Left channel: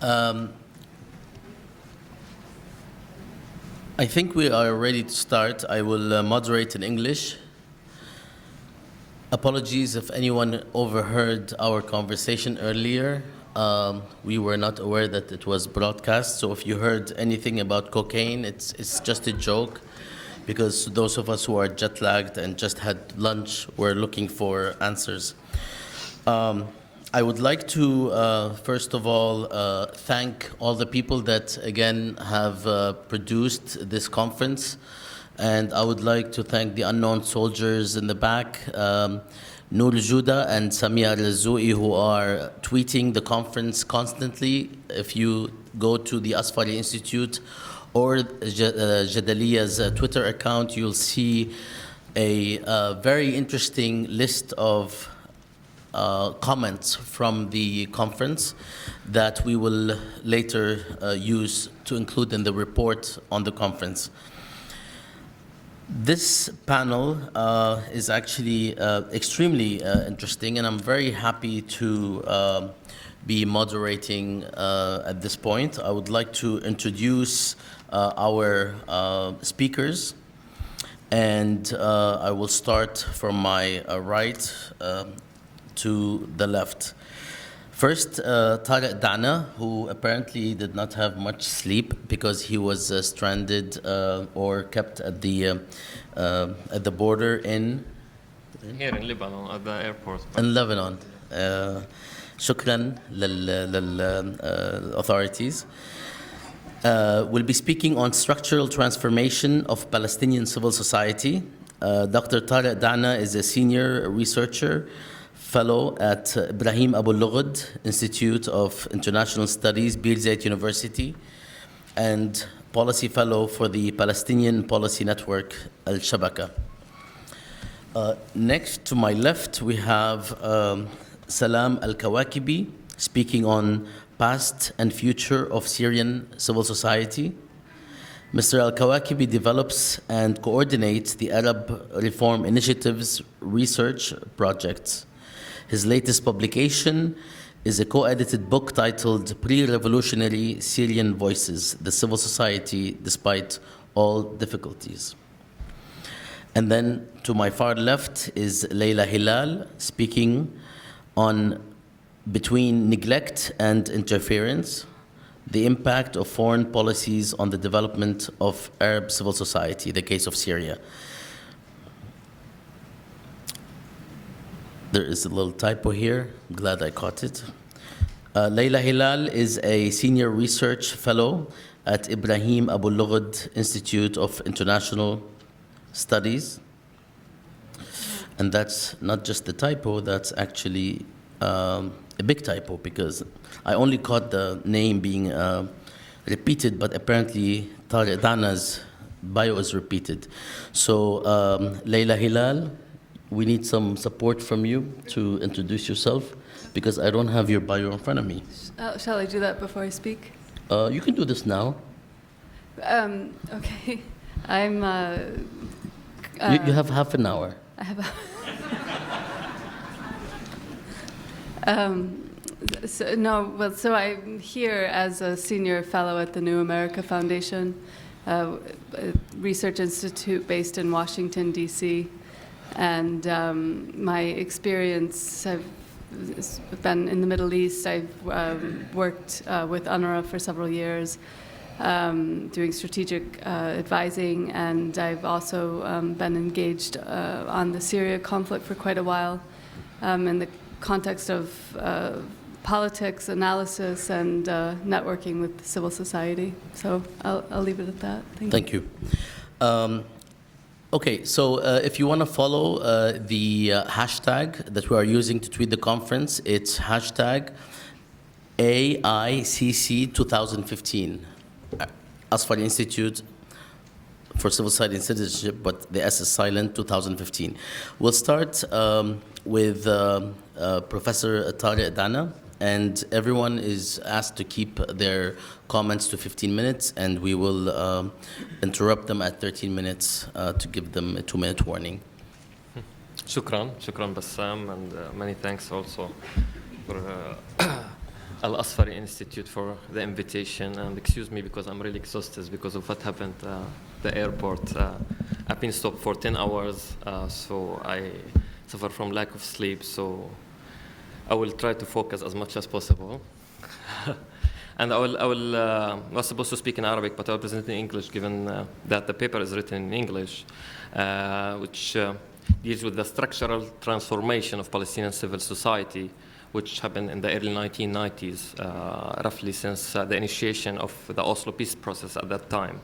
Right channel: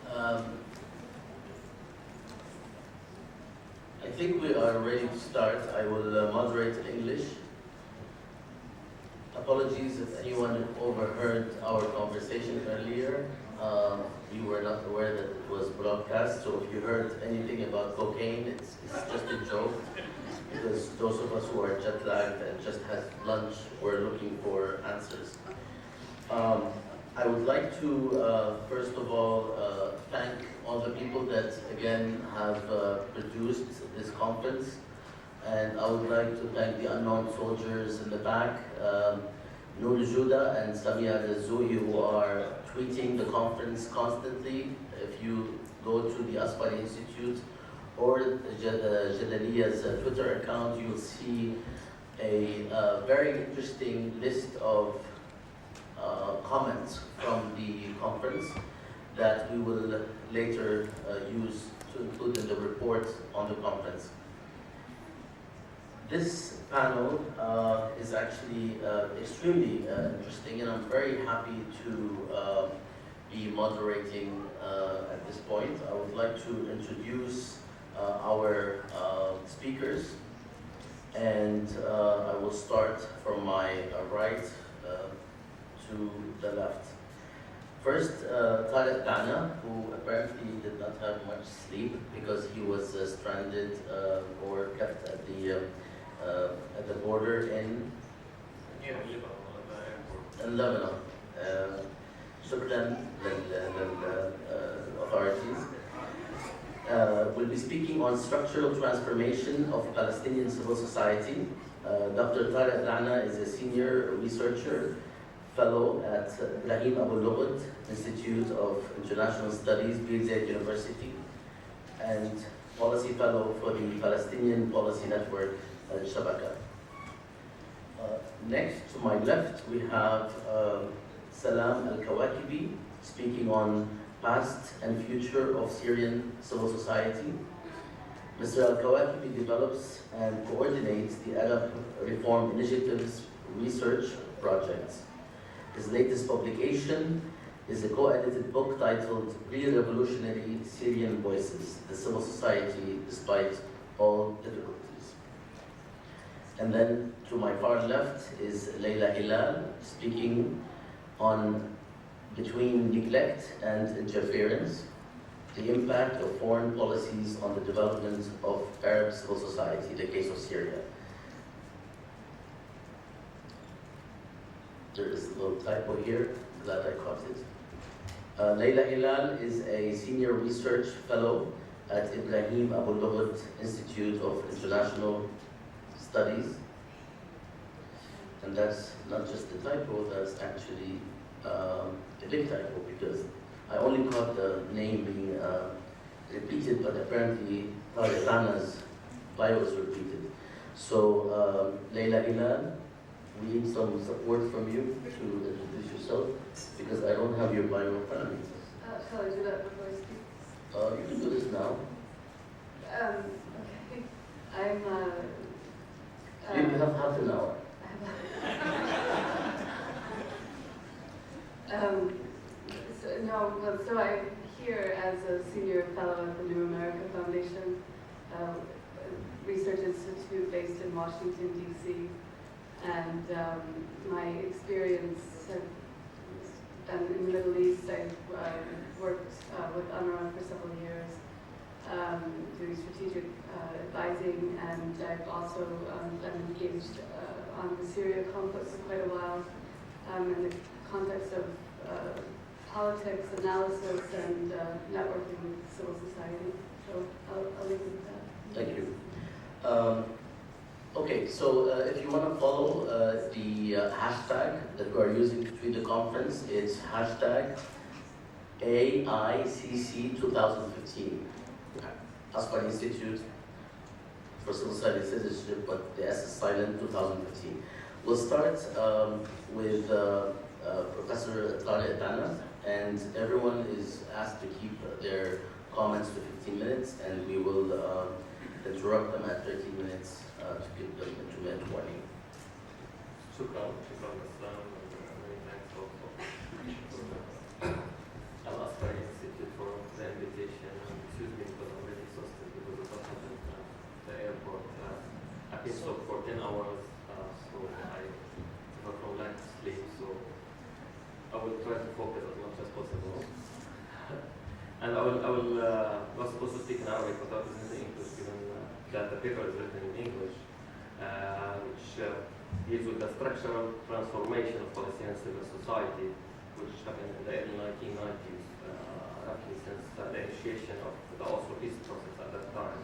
Um, I think we are ready to start. I will moderate in English. Apologies if anyone overheard our conversation earlier. We were not aware that it was broadcast, so if you heard anything about cocaine, it's just a joke, because those of us who are jet lagged and just had lunch were looking for answers. I would like to, first of all, thank all the people that, again, have produced this conference. And I would like to thank the unknown soldiers in the back, Noor Juda and Samia Razoui, who are tweeting the conference constantly. If you go to the Asfari Institute or Jadaliya's Twitter account, you'll see a very interesting list of comments from the conference that we will later use to include in the report on the conference. This panel is actually extremely interesting, and I'm very happy to be moderating at this point. I would like to introduce our speakers, and I will start from my right to the left. First, Tariq Dana, who apparently did not have much sleep because he was stranded or kept at the border in here in Lebanon at the airport. In Lebanon. Shukran authorities. Will be speaking on structural transformation of Palestinian civil society. Dr. Tariq Dana is a senior researcher, fellow at Ibrahim Abu Lughod Institute of International Studies, Beirut University, and policy fellow for the Palestinian Policy Network, Al-Shabaka. Next to my left, we have Salam Al-Kawakibi, speaking on past and future of Syrian civil society. Mr. Al-Kawakibi develops and coordinates the Arab Reform Initiatives research projects. His latest publication is a co-edited book titled Pre-Revolutionary Syrian Voices, the Civil Society Despite All Difficulties. And then to my far left is Leila Hilal, speaking on Between Neglect and Interference, the impact of foreign policies on the development of Arab civil society, the case of Syria. There is a little typo here. I'm glad I caught it. Leila Hilal is a senior research fellow at Ibrahim Abu Lughod Institute of International Studies. And that's not just the typo, that's actually a big typo, because I only caught the name being repeated, but apparently Tariq Dana's bio is repeated. So Leila Hilal, we need some support from you to introduce yourself, because I don't have your bio in front of me. Shall I do that before I speak? You can do this now. Okay. I'm... you have half an hour. I have So I'm here as a senior fellow at the New America Foundation, a research institute based in Washington, D.C., and my experience, I've been in the Middle East. I've worked with UNRWA for several years, doing strategic advising, and I've also been engaged on the Syria conflict for quite a while in the context of politics, analysis, and networking with civil society. So I'll leave it at that. Thank you. Okay, so if you want to follow the hashtag that we are using to tweet the conference, it's hashtag AICC 2015. Asfari Institute for Civil Society and Citizenship, but the S is silent, 2015. We'll start with Professor Tariq Dana, and everyone is asked to keep their comments to 15 minutes, and we will interrupt them at 13 minutes to give them a 2-minute warning. Shukran Bassam, and many thanks also for Al-Asfari Institute for the invitation, and excuse me because I'm really exhausted because of what happened at the airport. I've been stopped for 10 hours, so I suffer from lack of sleep, so I will try to focus as much as possible. And I was supposed to speak in Arabic, but I will present in English, given that the paper is written in English, which deals with the structural transformation of Palestinian civil society, which happened in the early 1990s, roughly since the initiation of the Oslo peace process at that time.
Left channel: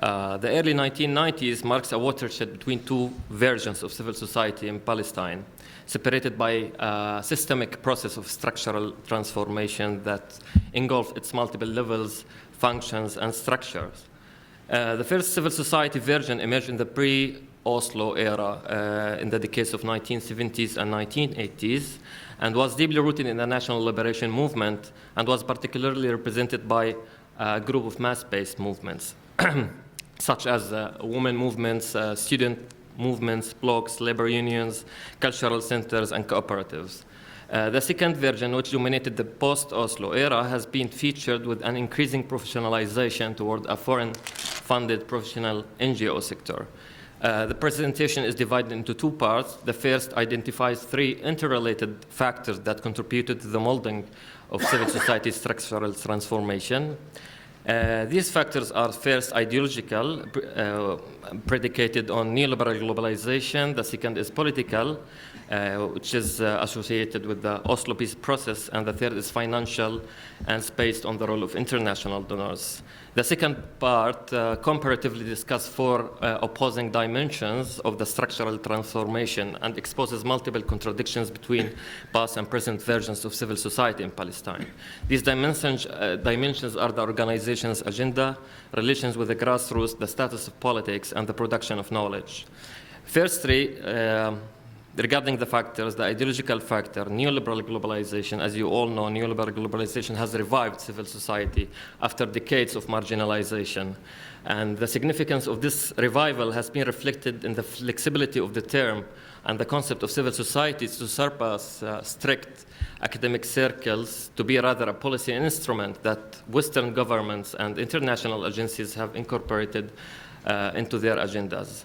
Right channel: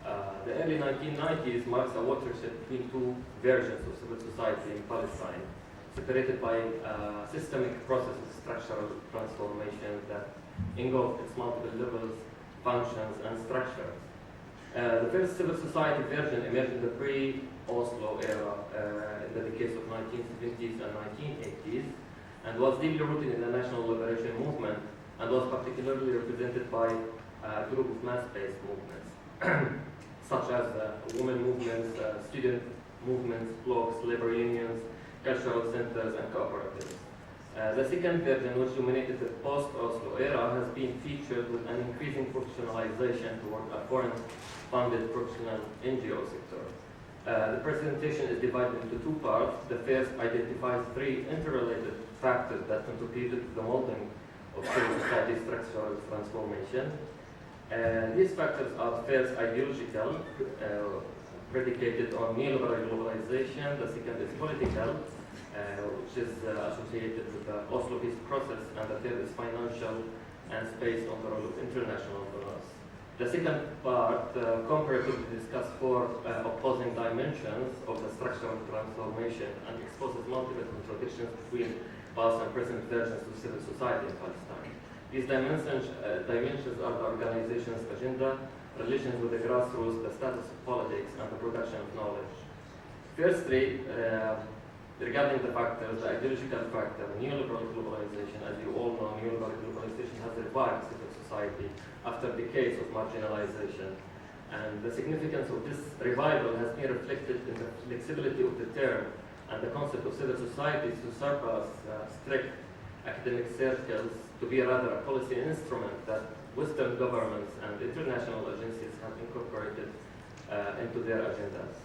The early 1990s marks a watershed between two versions of civil society in Palestine, separated by a systemic process of structural transformation that engulfed its multiple levels, functions, and structures. The first civil society version emerged in the pre-Oslo era in the decades of 1970s and 1980s, and was deeply rooted in the national liberation movement, and was particularly represented by a group of mass-based movements, such as women movements, student movements, blocs, labor unions, cultural centers, and cooperatives. The second version, which dominated the post-Oslo era, has been featured with an increasing professionalization toward a foreign-funded professional NGO sector. The presentation is divided into two parts. The first identifies three interrelated factors that contributed to the molding of civil society structural transformation. These factors are first ideological, predicated on neoliberal globalization. The second is political, which is associated with the Oslo peace process. And the third is financial and is based on the role of international donors. The second part comparatively discusses four opposing dimensions of the structural transformation and exposes multiple contradictions between past and present versions of civil society in Palestine. These dimensions are the organization's agenda, relations with the grassroots, the status of politics, and the production of knowledge. Firstly, regarding the factors, the ideological factor, neoliberal globalization, as you all know, neoliberal globalization has revived civil society after decades of marginalization. And the significance of this revival has been reflected in the flexibility of the term and the concept of civil society to surpass strict academic circles to be rather a policy instrument that Western governments and international agencies have incorporated into their agendas.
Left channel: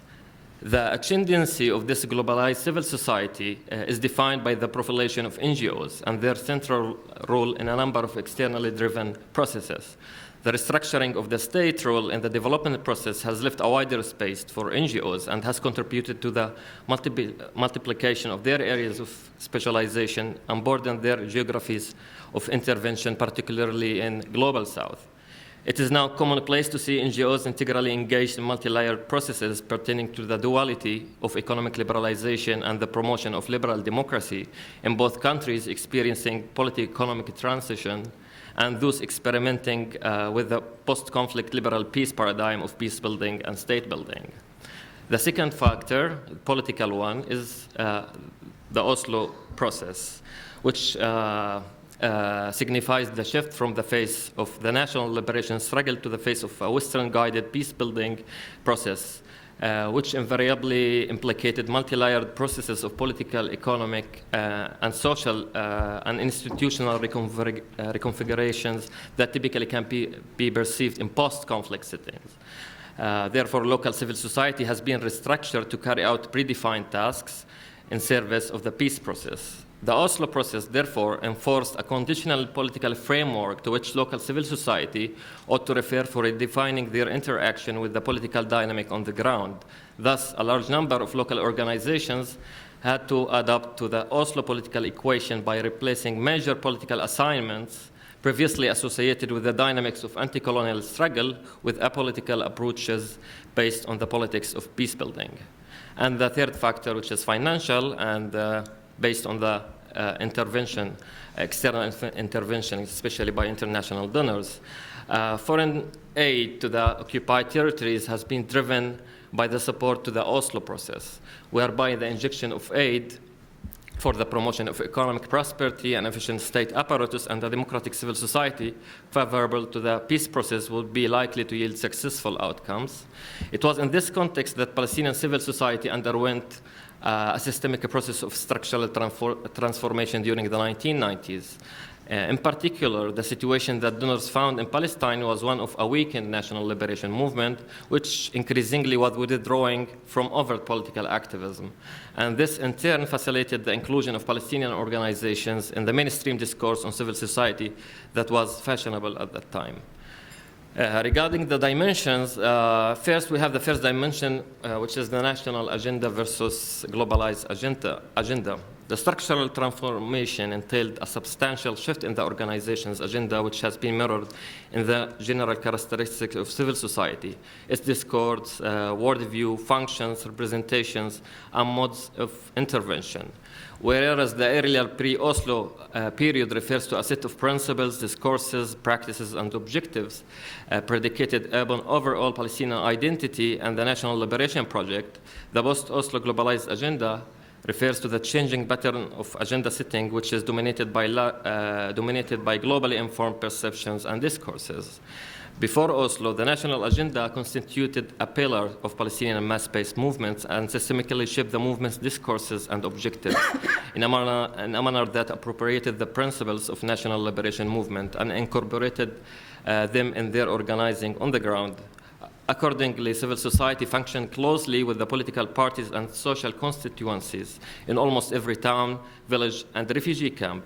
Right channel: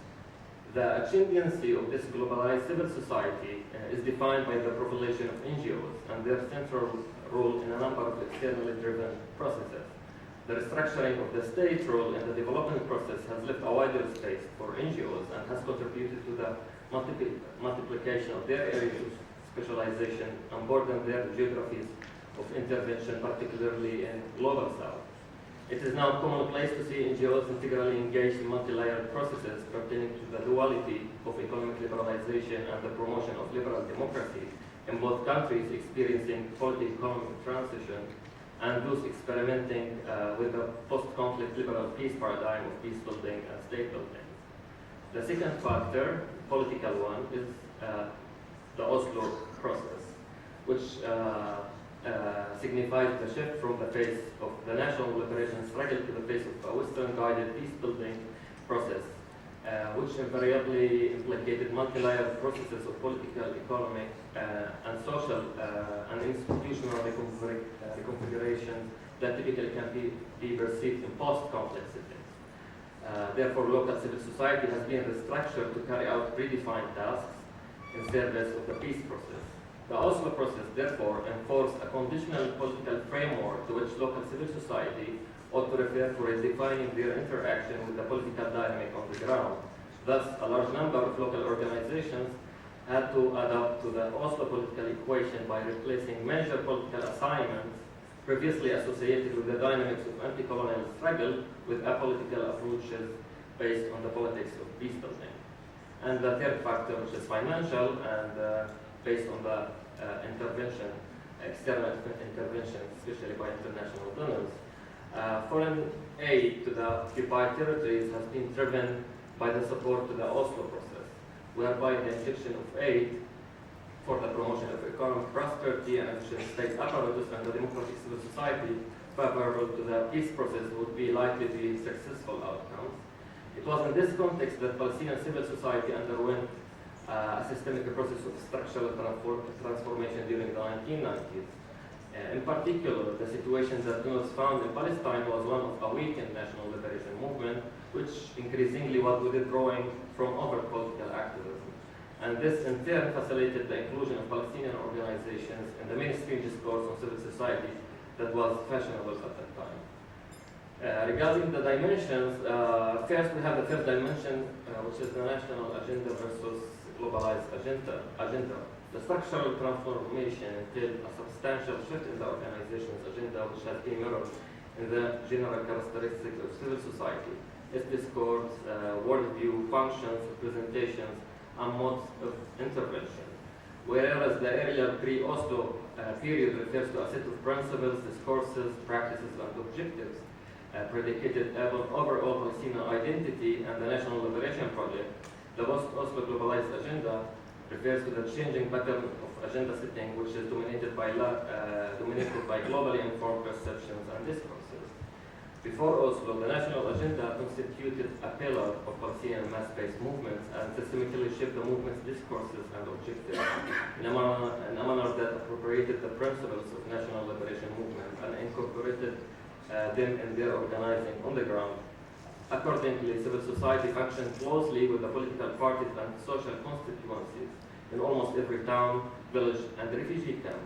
The ascendancy of this globalized civil society is defined by the profilation of NGOs and their central role in a number of externally driven processes. The restructuring of the state role in the development process has left a wider space for NGOs and has contributed to the multiplication of their areas of specialization and broadened their geographies of intervention, particularly in Global South. It is now commonplace to see NGOs integrally engaged in multi-layered processes pertaining to the duality of economic liberalization and the promotion of liberal democracy in both countries experiencing political-economic transition and those experimenting with the post-conflict liberal peace paradigm of peace building and state building. The second factor, political one, is the Oslo process, which signifies the shift from the face of the national liberation struggle to the face of a Western-guided peace-building process, which invariably implicated multi-layered processes of political, economic, and social and institutional reconfigurations that typically can be perceived in post-conflict settings. Therefore, local civil society has been restructured to carry out predefined tasks in service of the peace process. The Oslo process, therefore, enforced a conditional political framework to which local civil society ought to refer for redefining their interaction with the political dynamic on the ground. Thus, a large number of local organizations had to adapt to the Oslo political equation by replacing major political assignments previously associated with the dynamics of anti-colonial struggle with apolitical approaches based on the politics of peace building. And the third factor, which is financial and based on the intervention, external intervention, especially by international donors. Foreign aid to the occupied territories has been driven by the support to the Oslo process, whereby the injection of aid for the promotion of economic prosperity and efficient state apparatus and the democratic civil society favorable to the peace process would be likely to yield successful outcomes. It was in this context that Palestinian civil society underwent a systemic process of structural transformation during the 1990s. In particular, the situation that donors found in Palestine was one of a weakened national liberation movement, which increasingly was withdrawing from overt political activism. And this in turn facilitated the inclusion of Palestinian organizations in the mainstream discourse on civil society that was fashionable at that time. Regarding the dimensions, first we have the first dimension, which is the national agenda versus globalized agenda. The structural transformation entailed a substantial shift in the organization's agenda, which has been mirrored in the general characteristics of civil society, its discourse, worldview, functions, representations, and modes of intervention. Whereas the earlier pre-Oslo period refers to a set of principles, discourses, practices, and objectives predicated upon overall Palestinian identity and the national liberation project, the post-Oslo globalized agenda refers to the changing pattern of agenda setting, which is dominated by globally informed perceptions and discourses. Before Oslo, the national agenda constituted a pillar of Palestinian mass-based movements and systemically shaped the movement's discourses and objectives in a manner that appropriated the principles of national liberation movement and incorporated them in their organizing on the ground. Accordingly, civil society functioned closely with the political parties and social constituencies in almost every town, village, and refugee camp,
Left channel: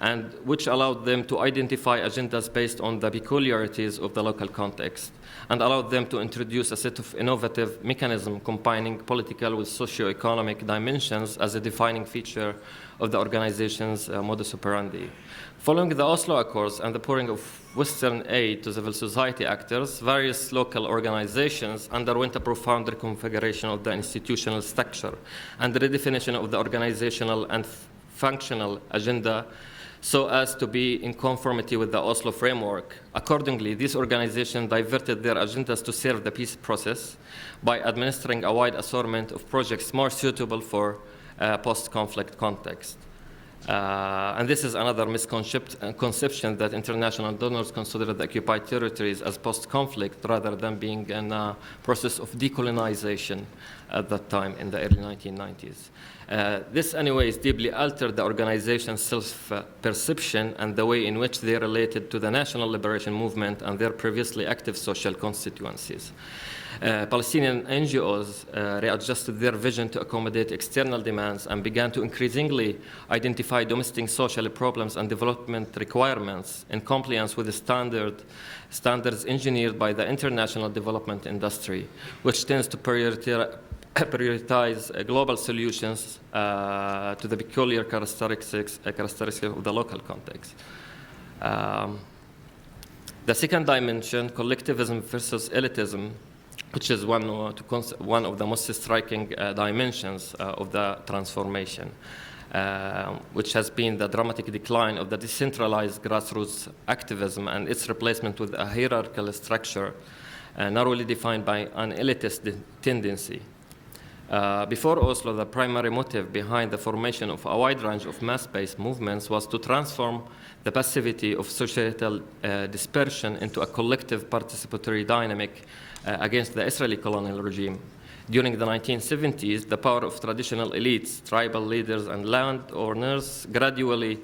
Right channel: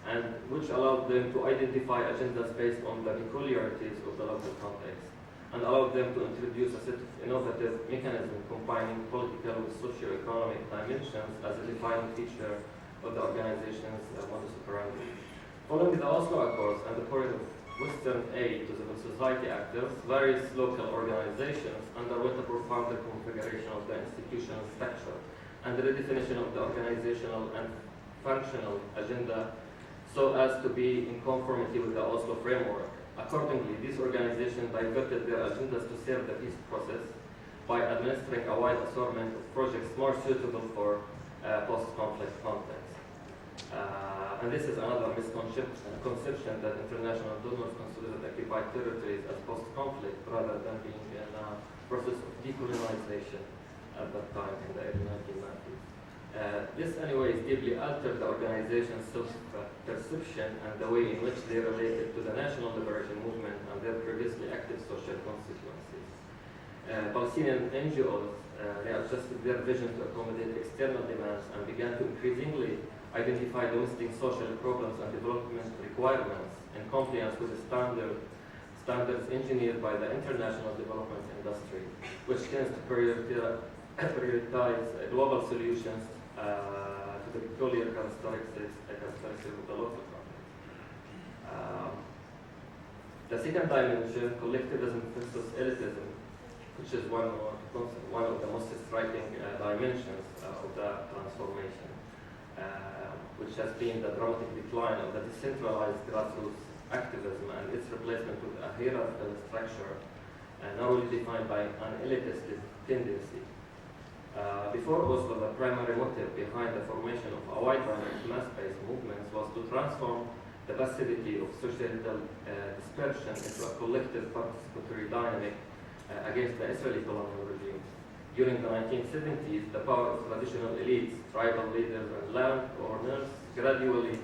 and which allowed them to identify agendas based on the peculiarities of the local context, and allowed them to introduce a set of innovative mechanisms combining political with socio-economic dimensions as a defining feature of the organization's modus operandi. Following the Oslo Accords and the pouring of Western aid to civil society actors, various local organizations underwent a profound reconfiguration of the institutional structure and the redefinition of the organizational and functional agenda so as to be in conformity with the Oslo framework. Accordingly, these organizations diverted their agendas to serve the peace process by administering a wide assortment of projects more suitable for post-conflict context. And this is another misconception that international donors consider the occupied territories as post-conflict rather than being in a process of decolonization at that time in the early 1990s. This, anyways, deeply altered the organization's self-perception and the way in which they related to the national liberation movement and their previously active social constituencies. Palestinian NGOs readjusted their vision to accommodate external demands and began to increasingly identify domestic social problems and development requirements in compliance with the standards engineered by the international development industry, which tends to prioritize global solutions to the peculiar characteristics of the local context. The second dimension, collectivism versus elitism, which is one of the most striking dimensions of the transformation, which has been the dramatic decline of the decentralized grassroots activism and its replacement with a hierarchical structure narrowly defined by an elitist tendency. Before Oslo, the primary motive behind the formation of a wide range of mass-based movements was to transform the passivity of societal dispersion into a collective participatory dynamic against the Israeli colonial regime. During the 1970s, the power of traditional elites, tribal leaders, and landowners gradually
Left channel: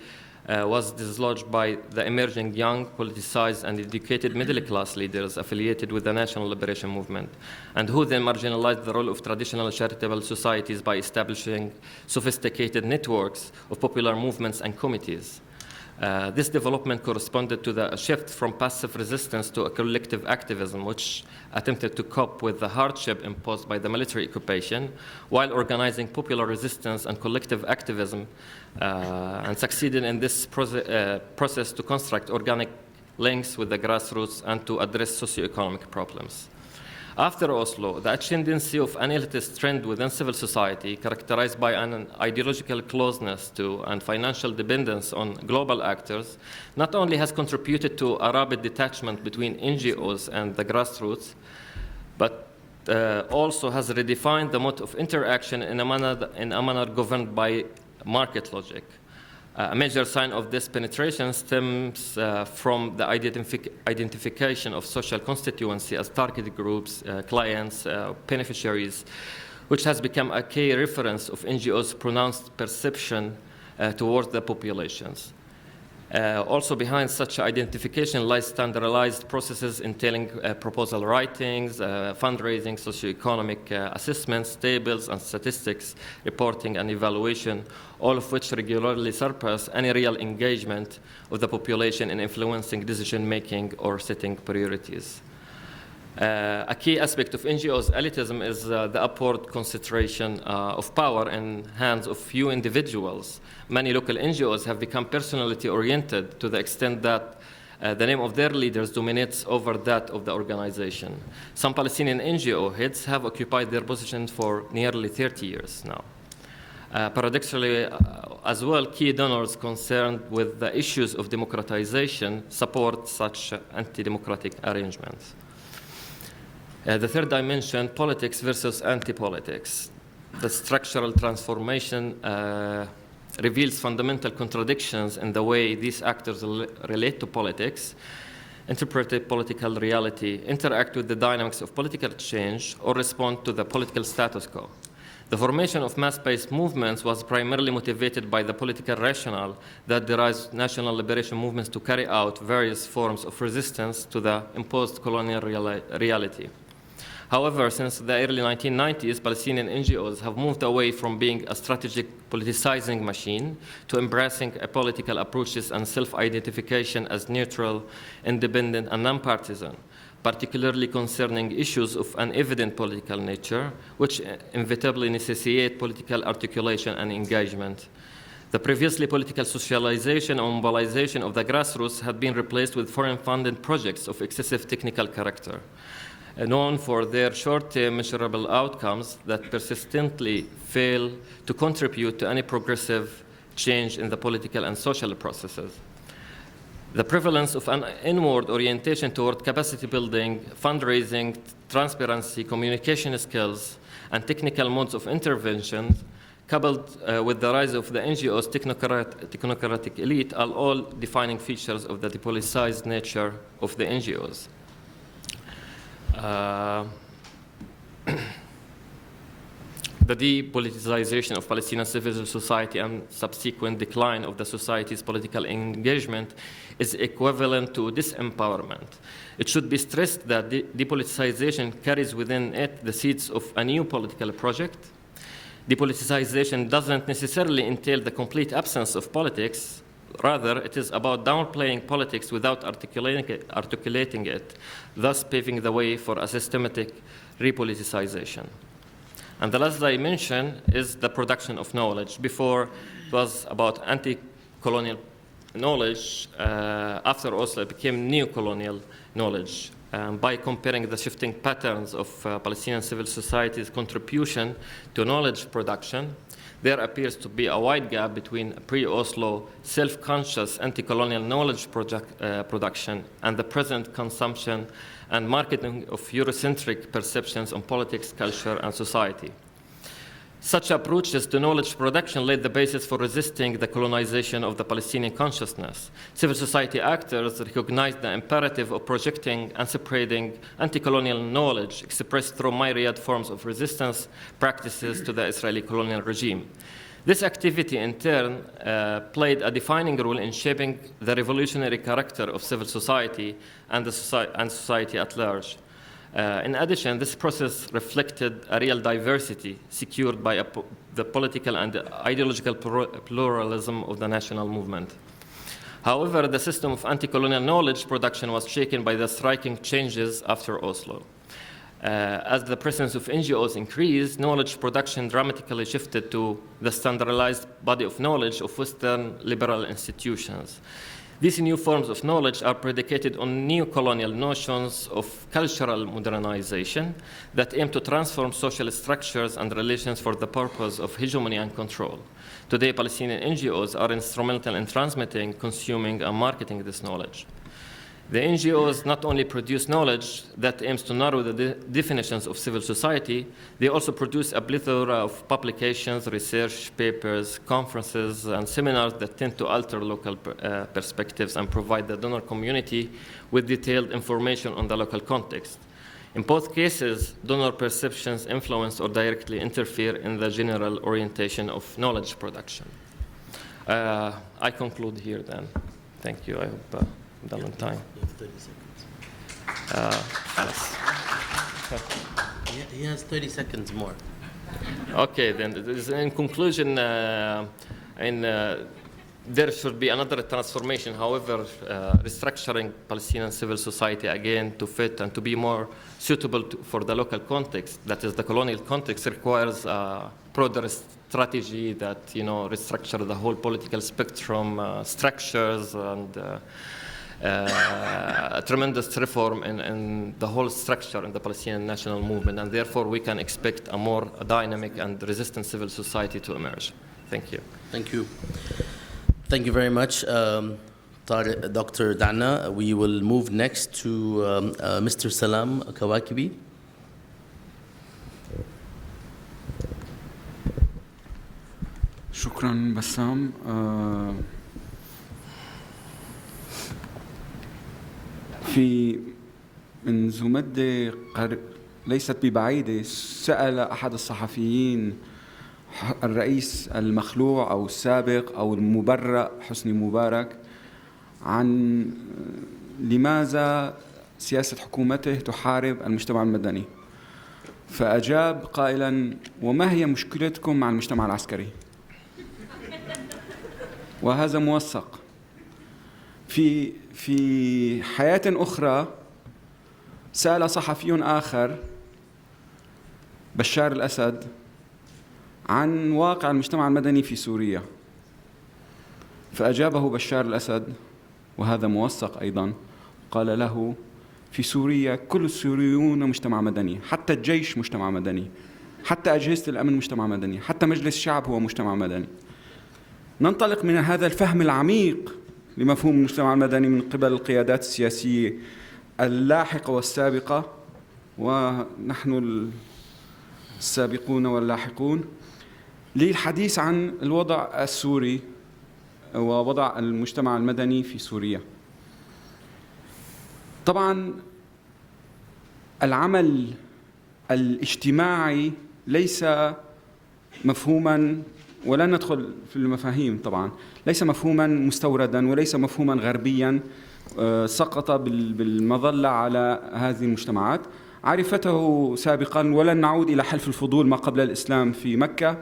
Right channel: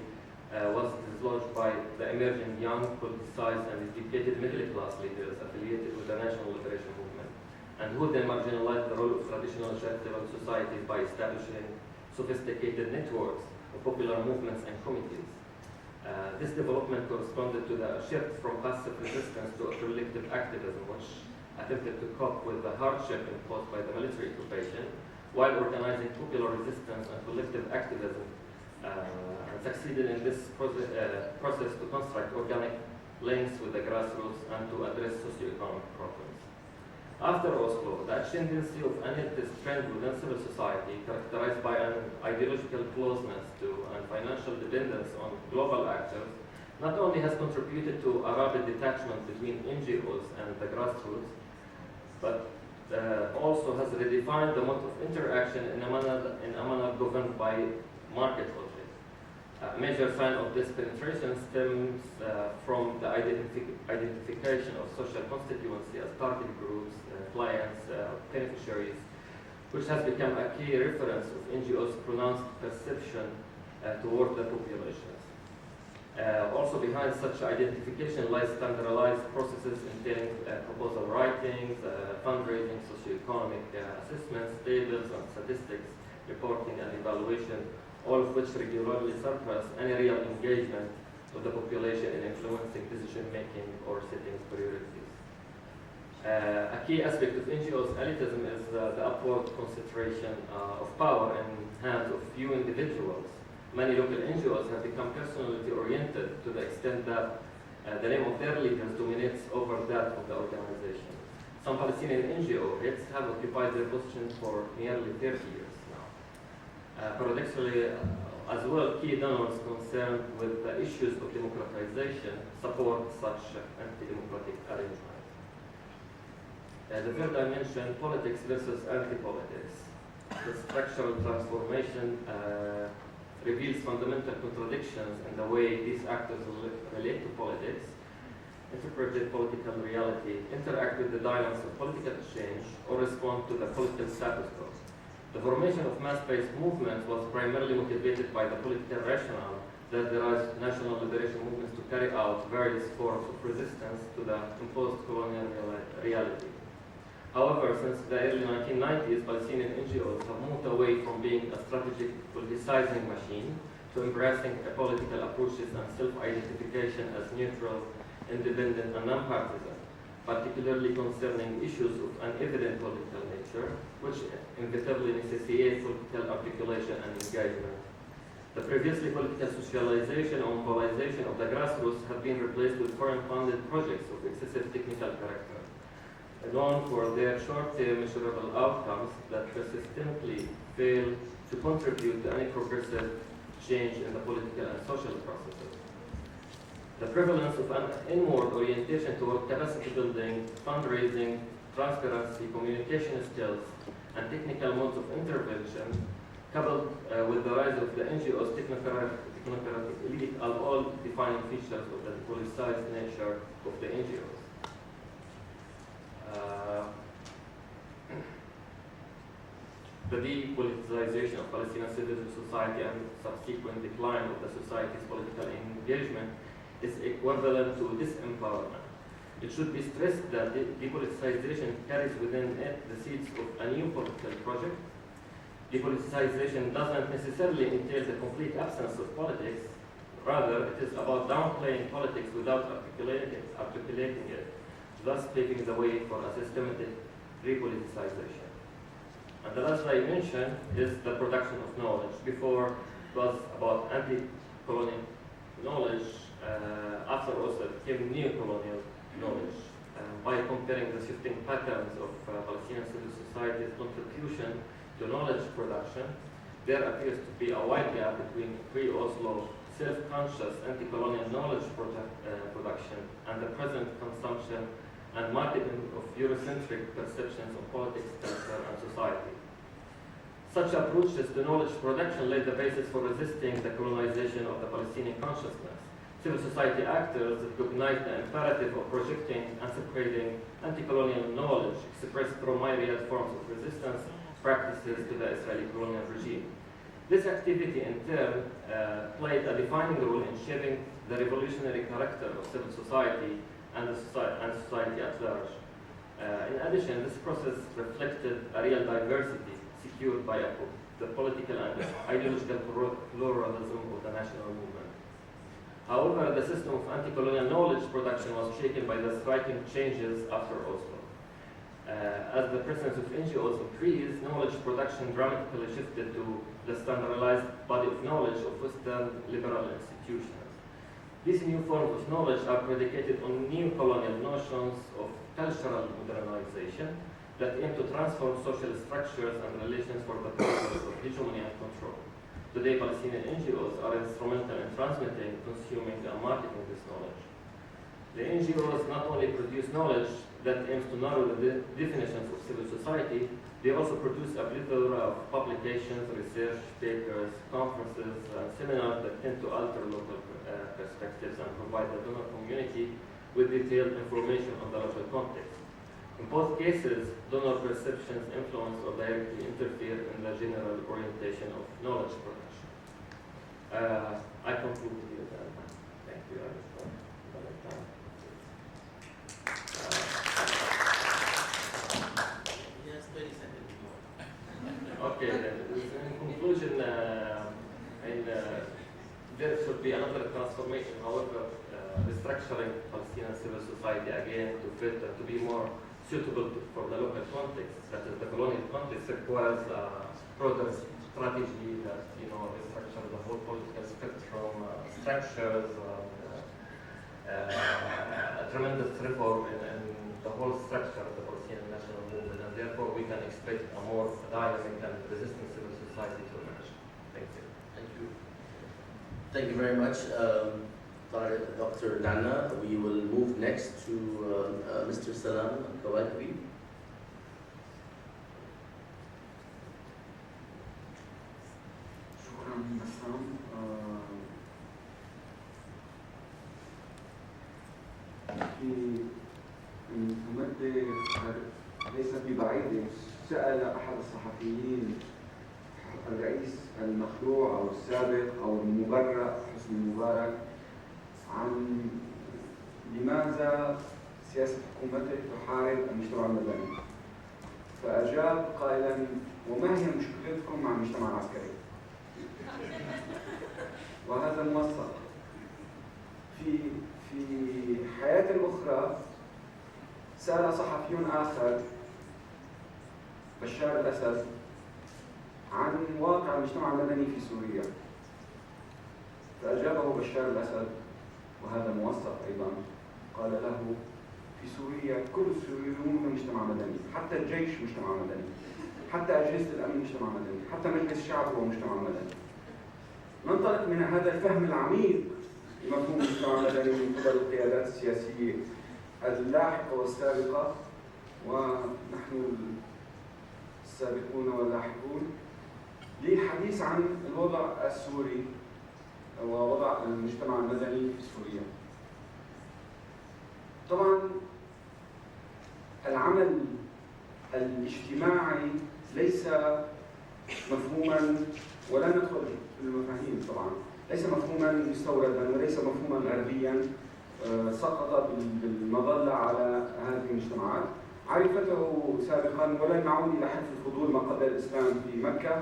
was dislodged by the emerging young, politicized, and educated middle-class leaders affiliated with the National Liberation Movement, and who then marginalized the role of traditional charitable societies by establishing sophisticated networks of popular movements and committees. This development corresponded to the shift from passive resistance to a collective activism, which attempted to cope with the hardship imposed by the military occupation while organizing popular resistance and collective activism, and succeeded in this process to construct organic links with the grassroots and to address socioeconomic problems. After Oslo, the ascendancy of an elitist trend within civil society, characterized by an ideological closeness to and financial dependence on global actors, not only has contributed to a rapid detachment between NGOs and the grassroots, but also has redefined the mode of interaction in a manner governed by market logic. A major sign of this penetration stems from the identification of social constituency as target groups, clients, beneficiaries, which has become a key reference of NGOs' pronounced perception towards the populations. Also behind such identification lies standardized processes entailing proposal writings, fundraising, socioeconomic assessments, tables and statistics, reporting and evaluation, all of which regularly surpass any real engagement of the population in influencing decision-making or setting priorities. A key aspect of NGOs' elitism is the upward concentration of power in hands of few individuals. Many local NGOs have become personality-oriented to the extent that the name of their leaders dominates over that of the organization. Some Palestinian NGO heads have occupied their positions for nearly 30 years now. Paradoxically, as well, key donors concerned with the issues of democratization support such anti-democratic arrangements. The third dimension, politics versus anti-politics. The structural transformation reveals fundamental contradictions in the way these actors relate to politics, interpret political reality, interact with the dynamics of political change, or respond to the political status quo. The formation of mass-based movements was primarily motivated by the political rationale that derives national liberation movements to carry out various forms of resistance to the imposed colonial reality. However, since the early 1990s, Palestinian NGOs have moved away from being a strategic politicizing machine to embracing political approaches and self-identification as neutral, independent, and nonpartisan, particularly concerning issues of an evident political nature, which inevitably necessitate political articulation and engagement. The previously political socialization or mobilization of the grassroots had been replaced with foreign-funded projects of excessive technical character, known for their short-term measurable outcomes that persistently fail to contribute to any progressive change in the political and social processes. The prevalence of an inward orientation toward capacity building, fundraising, transparency, communication skills, and technical modes of intervention, coupled with the rise of the NGO's technocratic elite, are all defining features of the depoliticized nature of the NGOs. The depoliticization of Palestinian civil society and subsequent decline of the society's political engagement is equivalent to disempowerment. It should be stressed that depoliticization carries within it the seeds of a new political project. Depoliticization doesn't necessarily entail the complete absence of politics. Rather, it is about downplaying politics without articulating it, thus paving the way for a systematic repoliticization. And the last dimension is the production of knowledge. Before, it was about anti-colonial knowledge. After Oslo, it became neo-colonial knowledge. By comparing the shifting patterns of Palestinian civil society's contribution to knowledge production, there appears to be a wide gap between pre-Oslo self-conscious anti-colonial knowledge production and the present consumption and marketing of Eurocentric perceptions on politics, culture, and society. Such approaches to knowledge production laid the basis for resisting the colonization of the Palestinian consciousness. Civil society actors recognized the imperative of projecting and spreading anti-colonial knowledge expressed through myriad forms of resistance practices to the Israeli colonial regime. This activity, in turn, played a defining role in shaping the revolutionary character of civil society and society at large. In addition, this process reflected a real diversity secured by the political and ideological pluralism of the national movement. However, the system of anti-colonial knowledge production was shaken by the striking changes after Oslo. As the presence of NGOs increased, knowledge production dramatically shifted to the standardized body of knowledge of Western liberal institutions. These new forms of knowledge are predicated on neo-colonial notions of cultural modernization that aim to transform social structures and relations for the purpose of hegemony and control. Today, Palestinian NGOs are instrumental in transmitting, consuming, and marketing this knowledge. The NGOs not only produce knowledge that aims to narrow the definitions of civil society, they also produce a plethora of publications, research papers, conferences, and seminars that tend to alter local perspectives and provide the donor community with detailed information on the local context. In both cases, donor perceptions influence or directly interfere in the general orientation of knowledge production. I conclude here then. Thank you. I hope I'm done on time. 30 seconds. Thanks. He has 30 seconds more. Okay, then in conclusion, there should be another transformation. However, restructuring Palestinian civil society again to fit and to be more suitable for the local context, that is the colonial context, requires a broader strategy that restructure the whole political spectrum, structures, and a tremendous reform in the whole structure in the Palestinian national movement, and therefore we can expect a more dynamic and resistant civil society to emerge. Thank you. Thank you. Thank you very much, Dr. Dana. We will move next to Mr. Salam Kawakibi. شكرا بسام. في منذ مدة ليست ببعيدة سأل أحد الصحفيين الرئيس المخلوع أو السابق أو المبرأ حسني مبارك عن لماذا سياسة حكومته تحارب المجتمع المدني، فأجاب قائلا: وما هي مشكلتكم مع المجتمع العسكري؟ وهذا موثق. في حياة أخرى سأل صحفي آخر بشار الأسد عن واقع المجتمع المدني في سوريا، فأجابه بشار الأسد وهذا موثق أيضا، قال له: في سوريا كل السوريون مجتمع مدني، حتى الجيش مجتمع مدني، حتى أجهزة الأمن مجتمع مدني، حتى مجلس الشعب هو مجتمع مدني. ننطلق من هذا الفهم العميق لمفهوم المجتمع المدني من قبل القيادات السياسية اللاحقة والسابقة، ونحن السابقون واللاحقون، للحديث عن الوضع السوري ووضع المجتمع المدني في سوريا. طبعا العمل الاجتماعي ليس مفهوما، ولا ندخل في المفاهيم طبعا، ليس مفهوما مستوردا وليس مفهوما غربيا سقط بالمظلة على هذه المجتمعات، عرفته سابقا. ولن نعود إلى حلف الفضول ما قبل الإسلام في مكة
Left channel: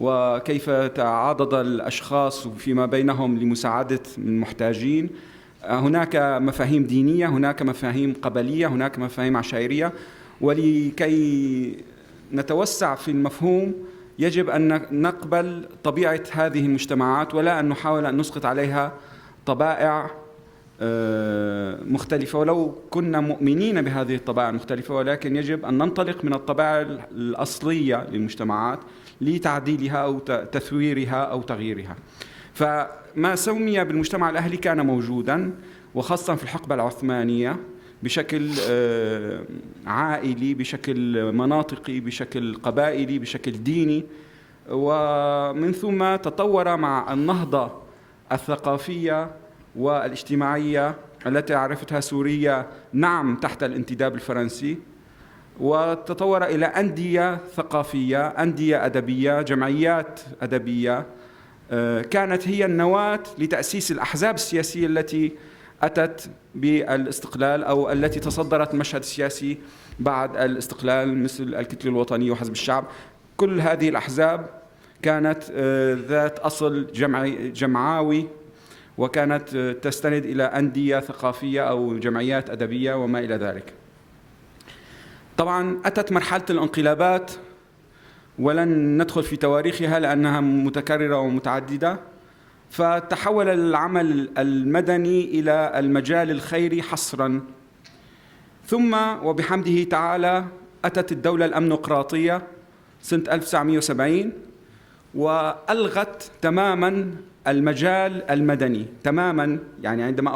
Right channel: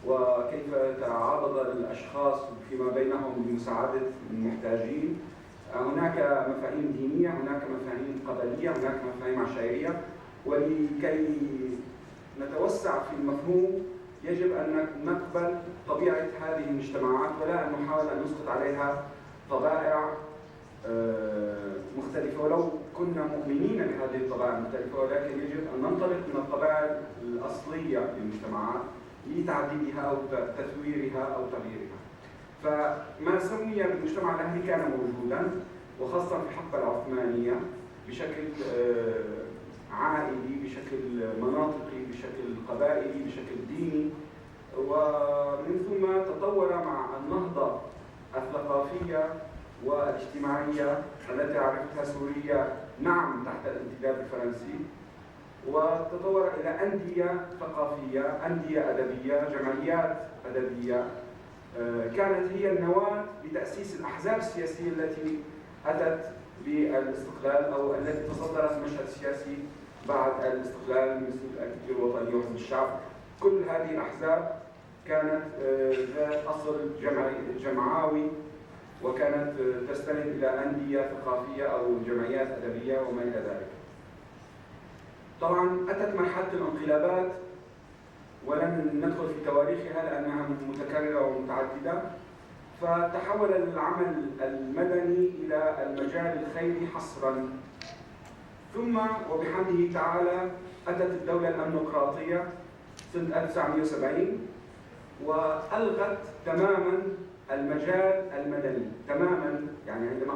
وكيف تعاضد الأشخاص فيما بينهم لمساعدة المحتاجين. هناك مفاهيم دينية، هناك مفاهيم قبلية، هناك مفاهيم عشائرية، ولكي نتوسع في المفهوم يجب أن نقبل طبيعة هذه المجتمعات ولا أن نحاول أن نسقط عليها طبائع مختلفة، ولو كنا مؤمنين بهذه الطبائع المختلفة، ولكن يجب أن ننطلق من الطبائع الأصلية للمجتمعات لتعديلها أو تثويرها أو تغييرها. فما سمي بالمجتمع الأهلي كان موجوداً، وخاصة في الحقبة العثمانية بشكل عائلي، بشكل مناطقي، بشكل قبائلي، بشكل ديني، ومن ثم تطور مع النهضة الثقافية والاجتماعية التي عرفتها سوريا نعم تحت الانتداب الفرنسي، وتطور إلى أندية ثقافية، أندية أدبية، جمعيات أدبية كانت هي النواة لتأسيس الأحزاب السياسية التي أتت بالاستقلال أو التي تصدرت المشهد السياسي بعد الاستقلال، مثل الكتلة الوطنية وحزب الشعب. كل هذه الأحزاب كانت ذات أصل جمعاوي، وكانت تستند إلى أندية ثقافية أو جمعيات أدبية وما إلى ذلك. طبعاً أتت مرحلة الانقلابات ولن ندخل في تواريخها لأنها متكررة ومتعددة، فتحول العمل المدني إلى المجال الخيري حصراً، ثم وبحمده تعالى أتت الدولة الأمنقراطية سنة 1970 وألغت تماماً المجال المدني تماماً. يعني عندما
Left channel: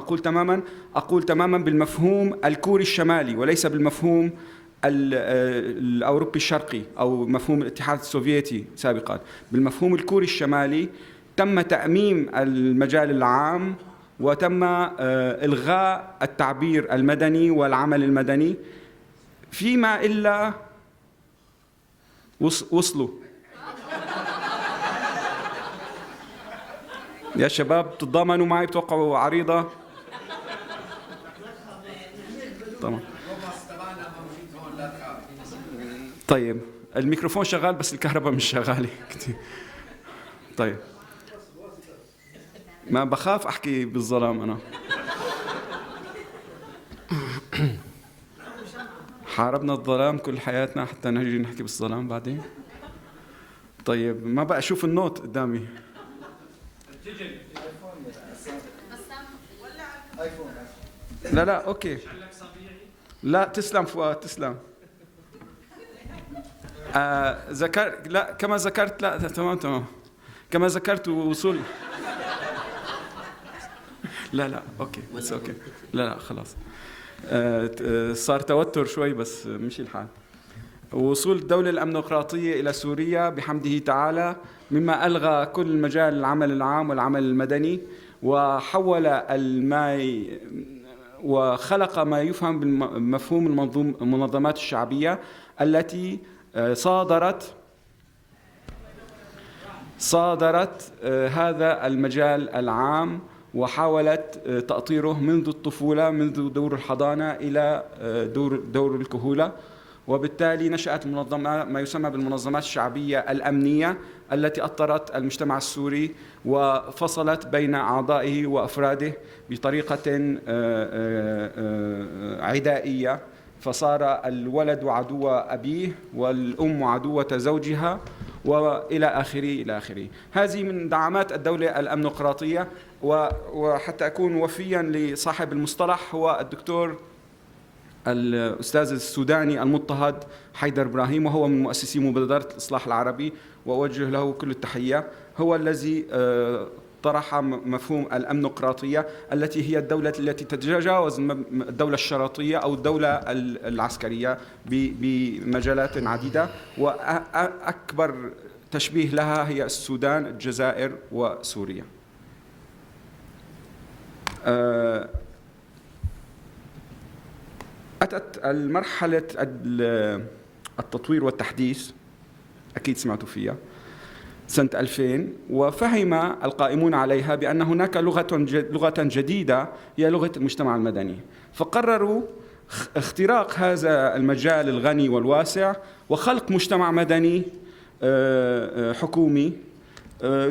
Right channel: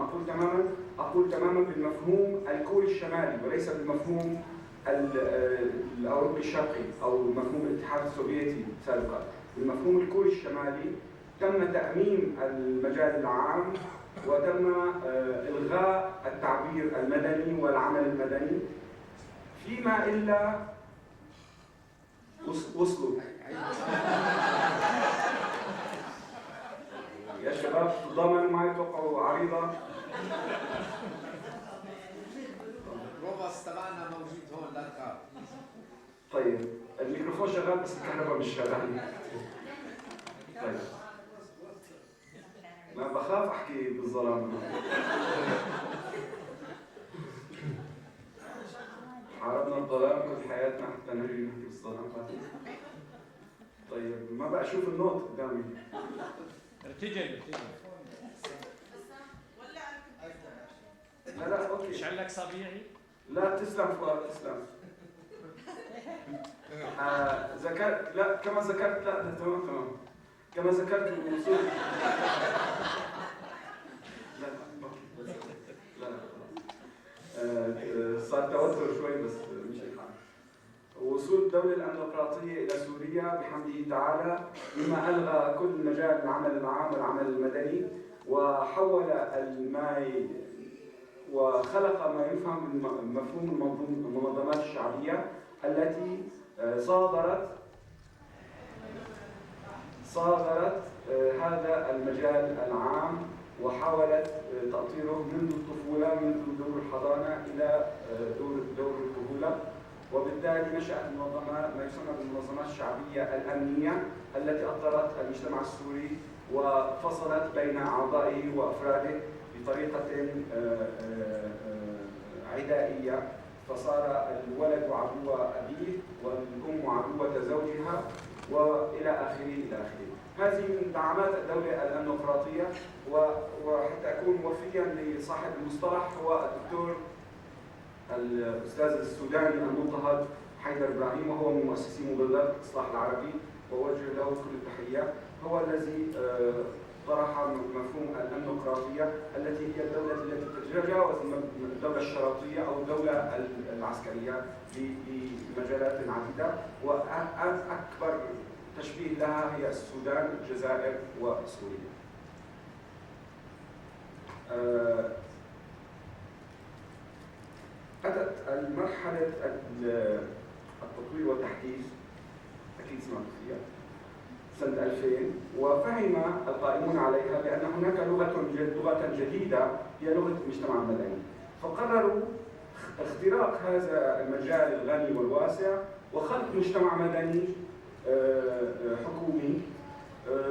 أقول تماماً بالمفهوم الكوري الشمالي وليس بالمفهوم الأوروبي الشرقي أو مفهوم الاتحاد السوفيتي سابقاً. بالمفهوم الكوري الشمالي تم تأميم المجال العام وتم إلغاء التعبير المدني والعمل المدني، فيما إلا وصلوا يا شباب تتضامنوا معي بتوقعوا عريضة؟ طبعا. طيب الميكروفون شغال بس الكهرباء مش شغالة كتير. طيب ما بخاف أحكي بالظلام أنا. حاربنا الظلام كل حياتنا حتى نجي نحكي بالظلام بعدين. طيب ما بقى أشوف النوت قدامي. لا لا أوكي. لا تسلم فؤاد تسلم. لا كما ذكرت لا تمام كما ذكرت وصول. لا اوكي بس اوكي لا خلاص. صار توتر شوي بس مشي الحال. وصول الدولة الأمنقراطية إلى سوريا بحمده تعالى مما ألغى كل مجال العمل العام والعمل المدني وحول وخلق ما يفهم بمفهوم المنظمات الشعبية التي صادرت هذا المجال العام وحاولت تأطيره منذ الطفولة منذ دور الحضانة إلى دور الكهولة. وبالتالي نشأت ما يسمى بالمنظمات الشعبية الأمنية التي أطرت المجتمع السوري وفصلت بين أعضائه وأفراده بطريقة عدائية، فصار الولد عدو أبيه والأم عدوة زوجها وإلى آخره. هذه من دعامات الدولة الأمنقراطية. وحتى أكون وفيا لصاحب المصطلح هو الدكتور الأستاذ السوداني المضطهد حيدر إبراهيم، وهو من مؤسسي مبادرة الإصلاح العربي وأوجه له كل التحية. هو الذي طرح مفهوم الأمنقراطية التي هي الدولة التي تتجاوز الدولة الشرطية أو الدولة العسكرية بمجالات عديدة، وأكبر تشبيه لها هي السودان، الجزائر وسوريا. أتت المرحلة التطوير والتحديث، أكيد سمعتوا فيها، سنة 2000، وفهم القائمون عليها بأن هناك لغة جديدة هي لغة المجتمع المدني، فقرروا اختراق هذا المجال الغني والواسع وخلق مجتمع مدني حكومي.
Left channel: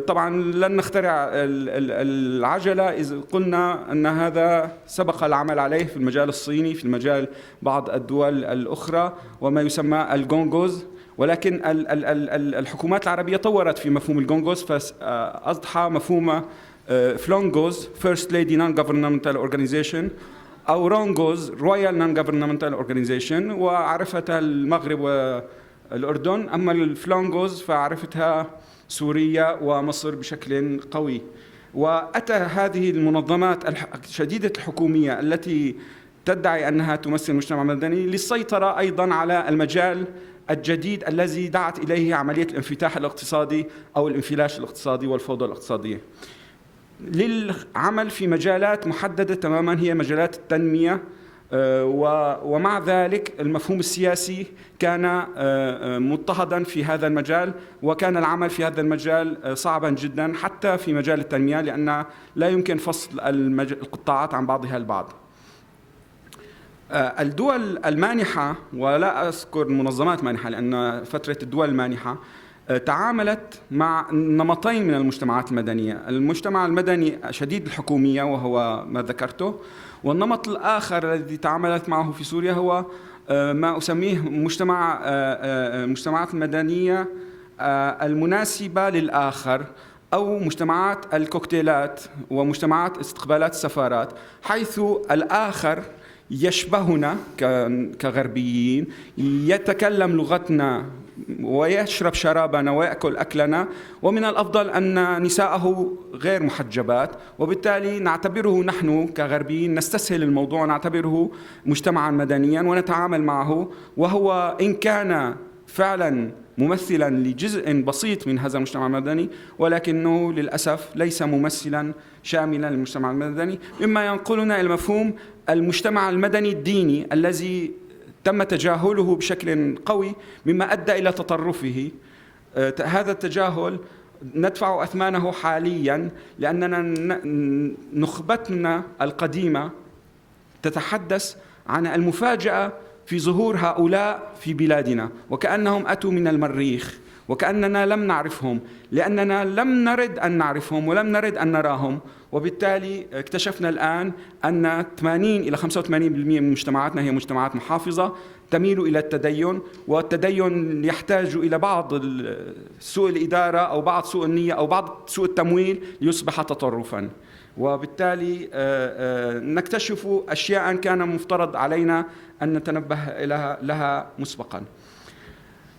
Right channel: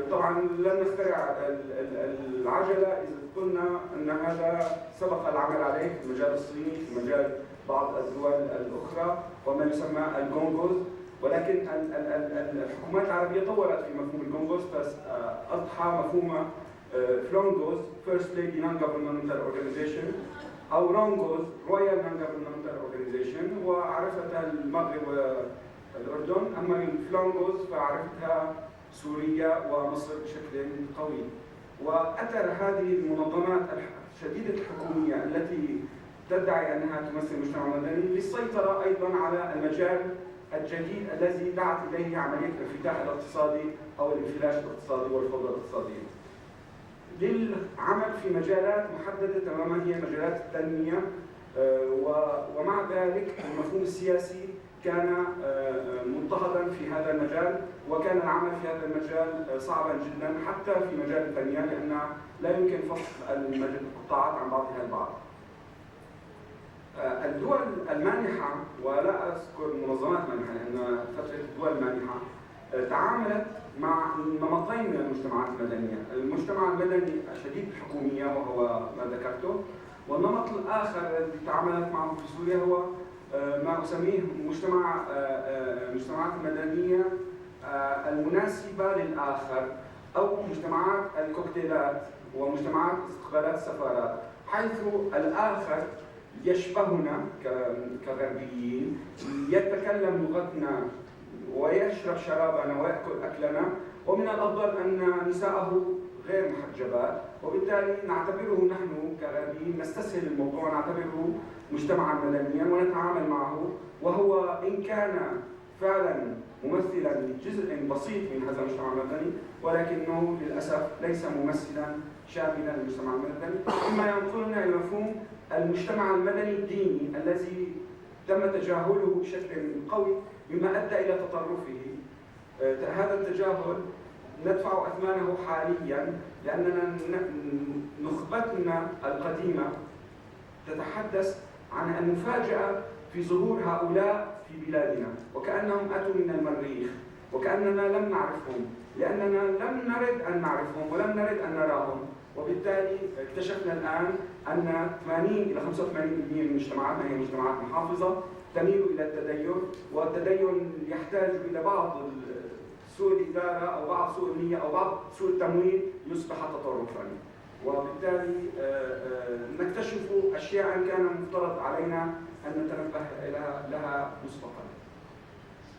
طبعا لن نخترع العجلة إذا قلنا أن هذا سبق العمل عليه في المجال الصيني، في المجال بعض الدول الأخرى وما يسمى الجونغوز، ولكن الحكومات العربية طورت في مفهوم الجونغوز فأضحى مفهوم فلونغوز First Lady Non-Governmental Organization أو رونغوز Royal Non-Governmental Organization، وعرفتها المغرب والأردن، أما الفلونغوز فعرفتها سوريا ومصر بشكل قوي. وأتى هذه المنظمات شديدة الحكومية التي تدعي أنها تمثل المجتمع المدني للسيطرة أيضا على المجال الجديد الذي دعت إليه عملية الانفتاح الاقتصادي أو الانفلاش الاقتصادي والفوضى الاقتصادية، للعمل في مجالات محددة تماما هي مجالات التنمية. ومع ذلك المفهوم السياسي كان مضطهدا في هذا المجال، وكان العمل في هذا المجال صعبا جدا حتى في مجال التنمية، لأن لا يمكن فصل القطاعات عن بعضها البعض. الدول المانحة، ولا أذكر منظمات مانحة لأن فترة الدول المانحة، تعاملت مع نمطين من المجتمعات المدنية. المجتمع المدني شديد الحكومية وهو ما ذكرته، والنمط الآخر الذي تعاملت معه في سوريا هو ما أسميه المجتمعات المدنية المناسبة للآخر، أو مجتمعات الكوكتيلات ومجتمعات استقبالات السفارات، حيث الآخر يشبهنا كغربيين، يتكلم لغتنا ويشرب شرابنا ويأكل أكلنا، ومن الأفضل أن نساءه غير محجبات، وبالتالي نعتبره نحن كغربيين نستسهل الموضوع، نعتبره مجتمعا مدنيا ونتعامل معه، وهو إن كان فعلا ممثلا لجزء بسيط من هذا المجتمع المدني، ولكنه للأسف ليس ممثلا شاملا للمجتمع المدني، مما ينقلنا إلى مفهوم المجتمع المدني الديني الذي تم تجاهله بشكل قوي، مما أدى إلى تطرفه. هذا التجاهل ندفع أثمانه حاليا، لأننا نخبتنا القديمة تتحدث عن المفاجأة في ظهور هؤلاء في بلادنا، وكأنهم أتوا من المريخ، وكأننا لم نعرفهم، لأننا لم نرد أن نعرفهم ولم نرد أن نراهم. وبالتالي اكتشفنا الآن أن 80 إلى 85% من مجتمعاتنا هي مجتمعات محافظة تميل إلى التدين، والتدين يحتاج إلى بعض سوء الإدارة أو بعض سوء النية أو بعض سوء التمويل ليصبح تطرفاً. وبالتالي نكتشف أشياء كان مفترض علينا أن نتنبه لها مسبقاً.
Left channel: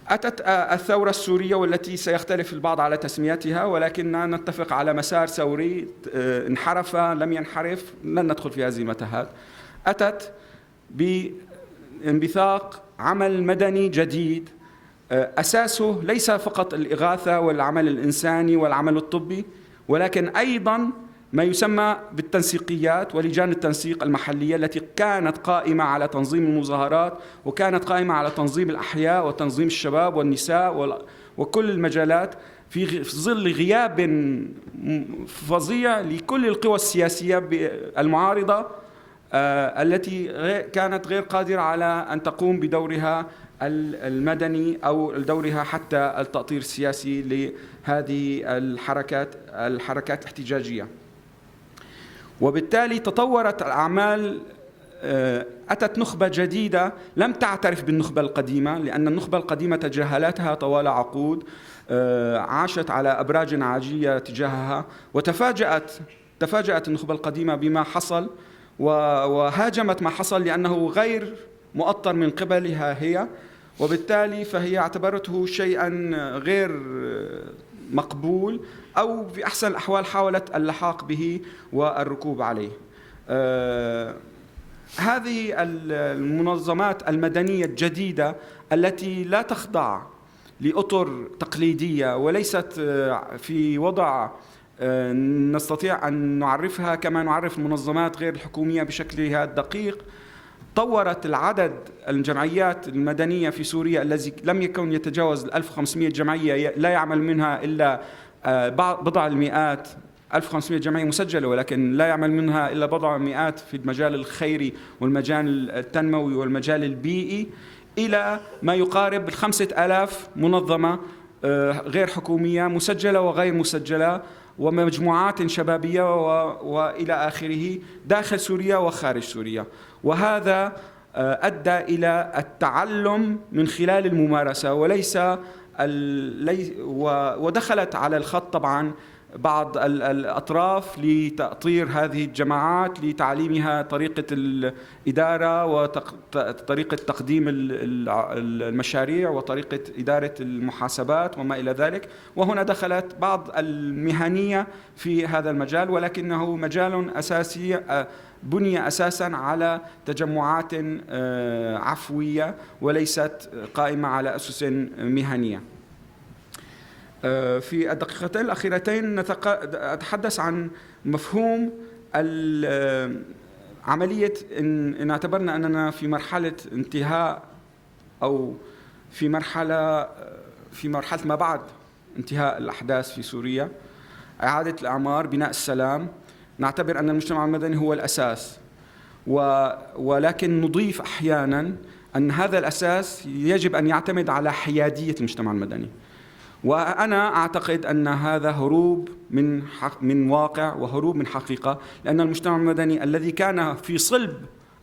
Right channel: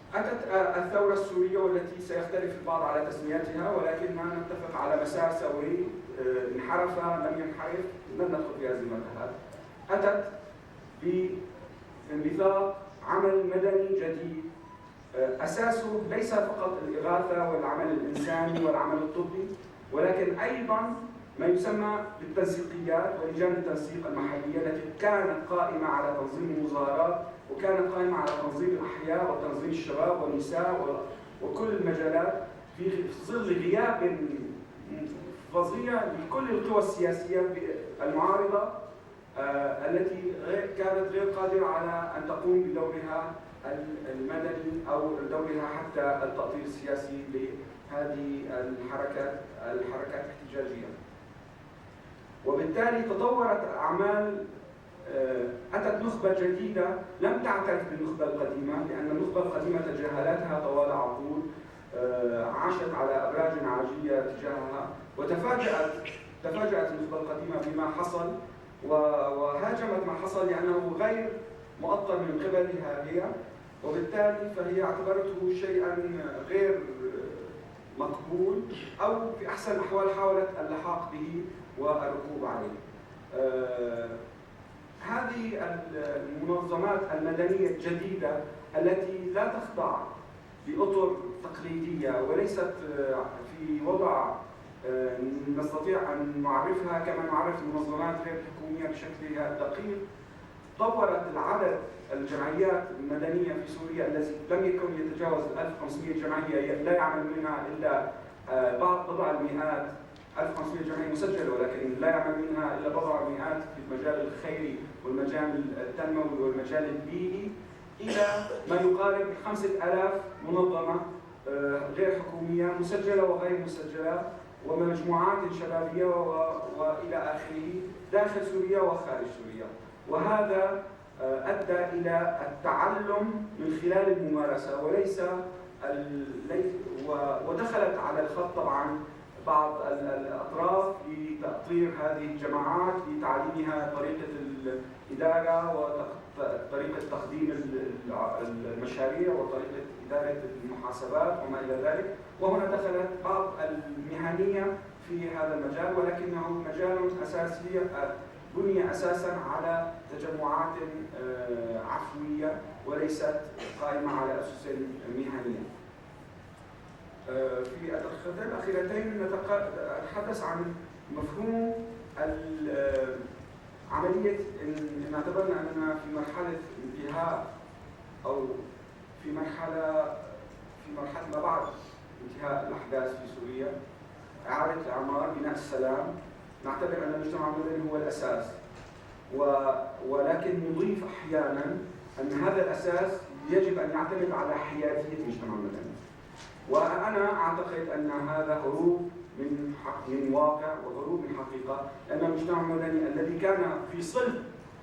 أتت الثورة السورية، والتي سيختلف البعض على تسميتها، ولكننا نتفق على مسار ثوري انحرف لم ينحرف، لن ندخل في هذه المتاهات. أتت بانبثاق عمل مدني جديد أساسه ليس فقط الإغاثة والعمل الإنساني والعمل الطبي، ولكن أيضاً ما يسمى بالتنسيقيات ولجان التنسيق المحلية التي كانت قائمة على تنظيم المظاهرات، وكانت قائمة على تنظيم الأحياء وتنظيم الشباب والنساء وكل المجالات، في ظل غياب فظيع لكل القوى السياسية المعارضة التي كانت غير قادرة على أن تقوم بدورها المدني أو دورها حتى التأطير السياسي لهذه الحركات الاحتجاجية. وبالتالي تطورت الأعمال، أتت نخبة جديدة لم تعترف بالنخبة القديمة، لأن النخبة القديمة تجاهلتها طوال عقود، عاشت على أبراج عاجية تجاهها، تفاجأت النخبة القديمة بما حصل وهاجمت ما حصل لأنه غير مؤطر من قبلها هي، وبالتالي فهي اعتبرته شيئا غير مقبول، أو في أحسن الأحوال حاولت اللحاق به والركوب عليه. هذه المنظمات المدنية الجديدة التي لا تخضع لأطر تقليدية وليست في وضع نستطيع أن نعرفها كما نعرف المنظمات غير الحكومية بشكلها الدقيق، طورت العدد الجمعيات المدنية في سوريا الذي لم يكن يتجاوز 1500 جمعية، لا يعمل منها إلا بضع المئات، 1500 جمعية مسجلة ولكن لا يعمل منها إلا بضع المئات في المجال الخيري والمجال التنموي والمجال البيئي، إلى ما يقارب 5000 منظمة غير حكومية مسجلة وغير مسجلة، ومجموعات شبابية وإلى آخره داخل سوريا وخارج سوريا. وهذا أدى إلى التعلم من خلال الممارسة ودخلت على الخط طبعا بعض الأطراف لتأطير هذه الجماعات، لتعليمها طريقة الإدارة وطريقة تقديم المشاريع وطريقة إدارة المحاسبات وما إلى ذلك. وهنا دخلت بعض المهنية في هذا المجال، ولكنه مجال أساسي بني أساساً على تجمعات عفوية وليست قائمة على أسس مهنية. في الدقيقتين الأخيرتين أتحدث عن مفهوم عملية إن اعتبرنا أننا في مرحلة انتهاء أو في مرحلة ما بعد انتهاء الأحداث في سوريا، إعادة الأعمار، بناء السلام. نعتبر أن المجتمع المدني هو الأساس، ولكن نضيف أحياناً أن هذا الأساس يجب أن يعتمد على حيادية المجتمع المدني. وأنا أعتقد أن هذا هروب من واقع وهروب من حقيقة، لأن المجتمع المدني الذي كان في صلب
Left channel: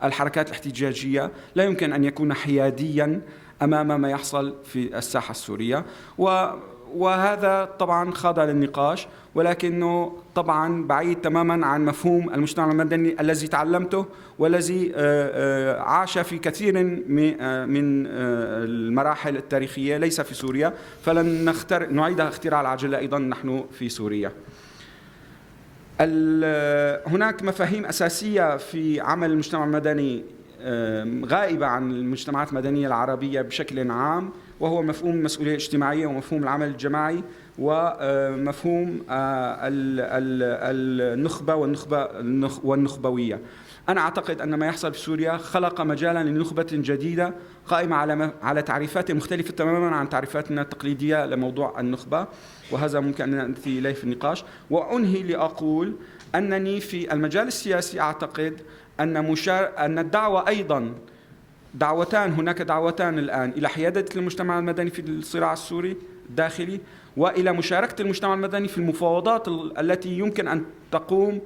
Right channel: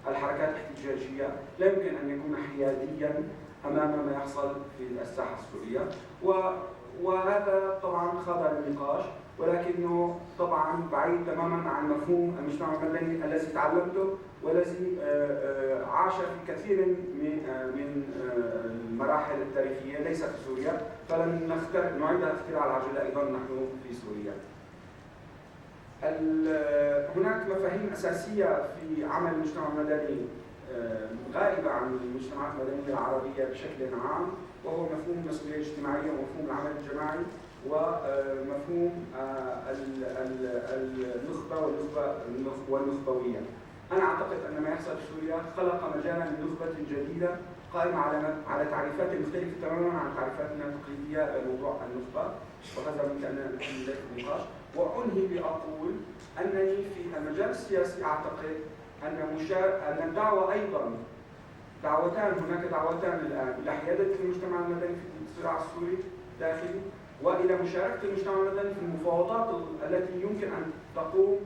الحركات الاحتجاجية لا يمكن أن يكون حيادياً أمام ما يحصل في الساحة السورية، وهذا طبعاً خاضع للنقاش، ولكنه طبعاً بعيد تماماً عن مفهوم المجتمع المدني الذي تعلمته والذي عاش في كثير من المراحل التاريخية ليس في سوريا، فلن نعيد اختراع العجلة أيضاً نحن في سوريا. هناك مفاهيم أساسية في عمل المجتمع المدني غائبة عن المجتمعات المدنية العربية بشكل عام، وهو مفهوم المسؤولية الاجتماعية ومفهوم العمل الجماعي ومفهوم النخبة والنخبوية. أنا أعتقد أن ما يحصل في سوريا خلق مجالا لنخبة جديدة قائمة على تعريفات مختلفة تماما عن تعريفاتنا التقليدية لموضوع النخبة، وهذا ممكن أن نأتي إليه في النقاش. وأنهي لأقول أنني في المجال السياسي أعتقد أن الدعوة أيضا هناك دعوتان الآن إلى حيادة المجتمع المدني في الصراع السوري الداخلي، وإلى مشاركة المجتمع المدني في المفاوضات التي يمكن أن تقوم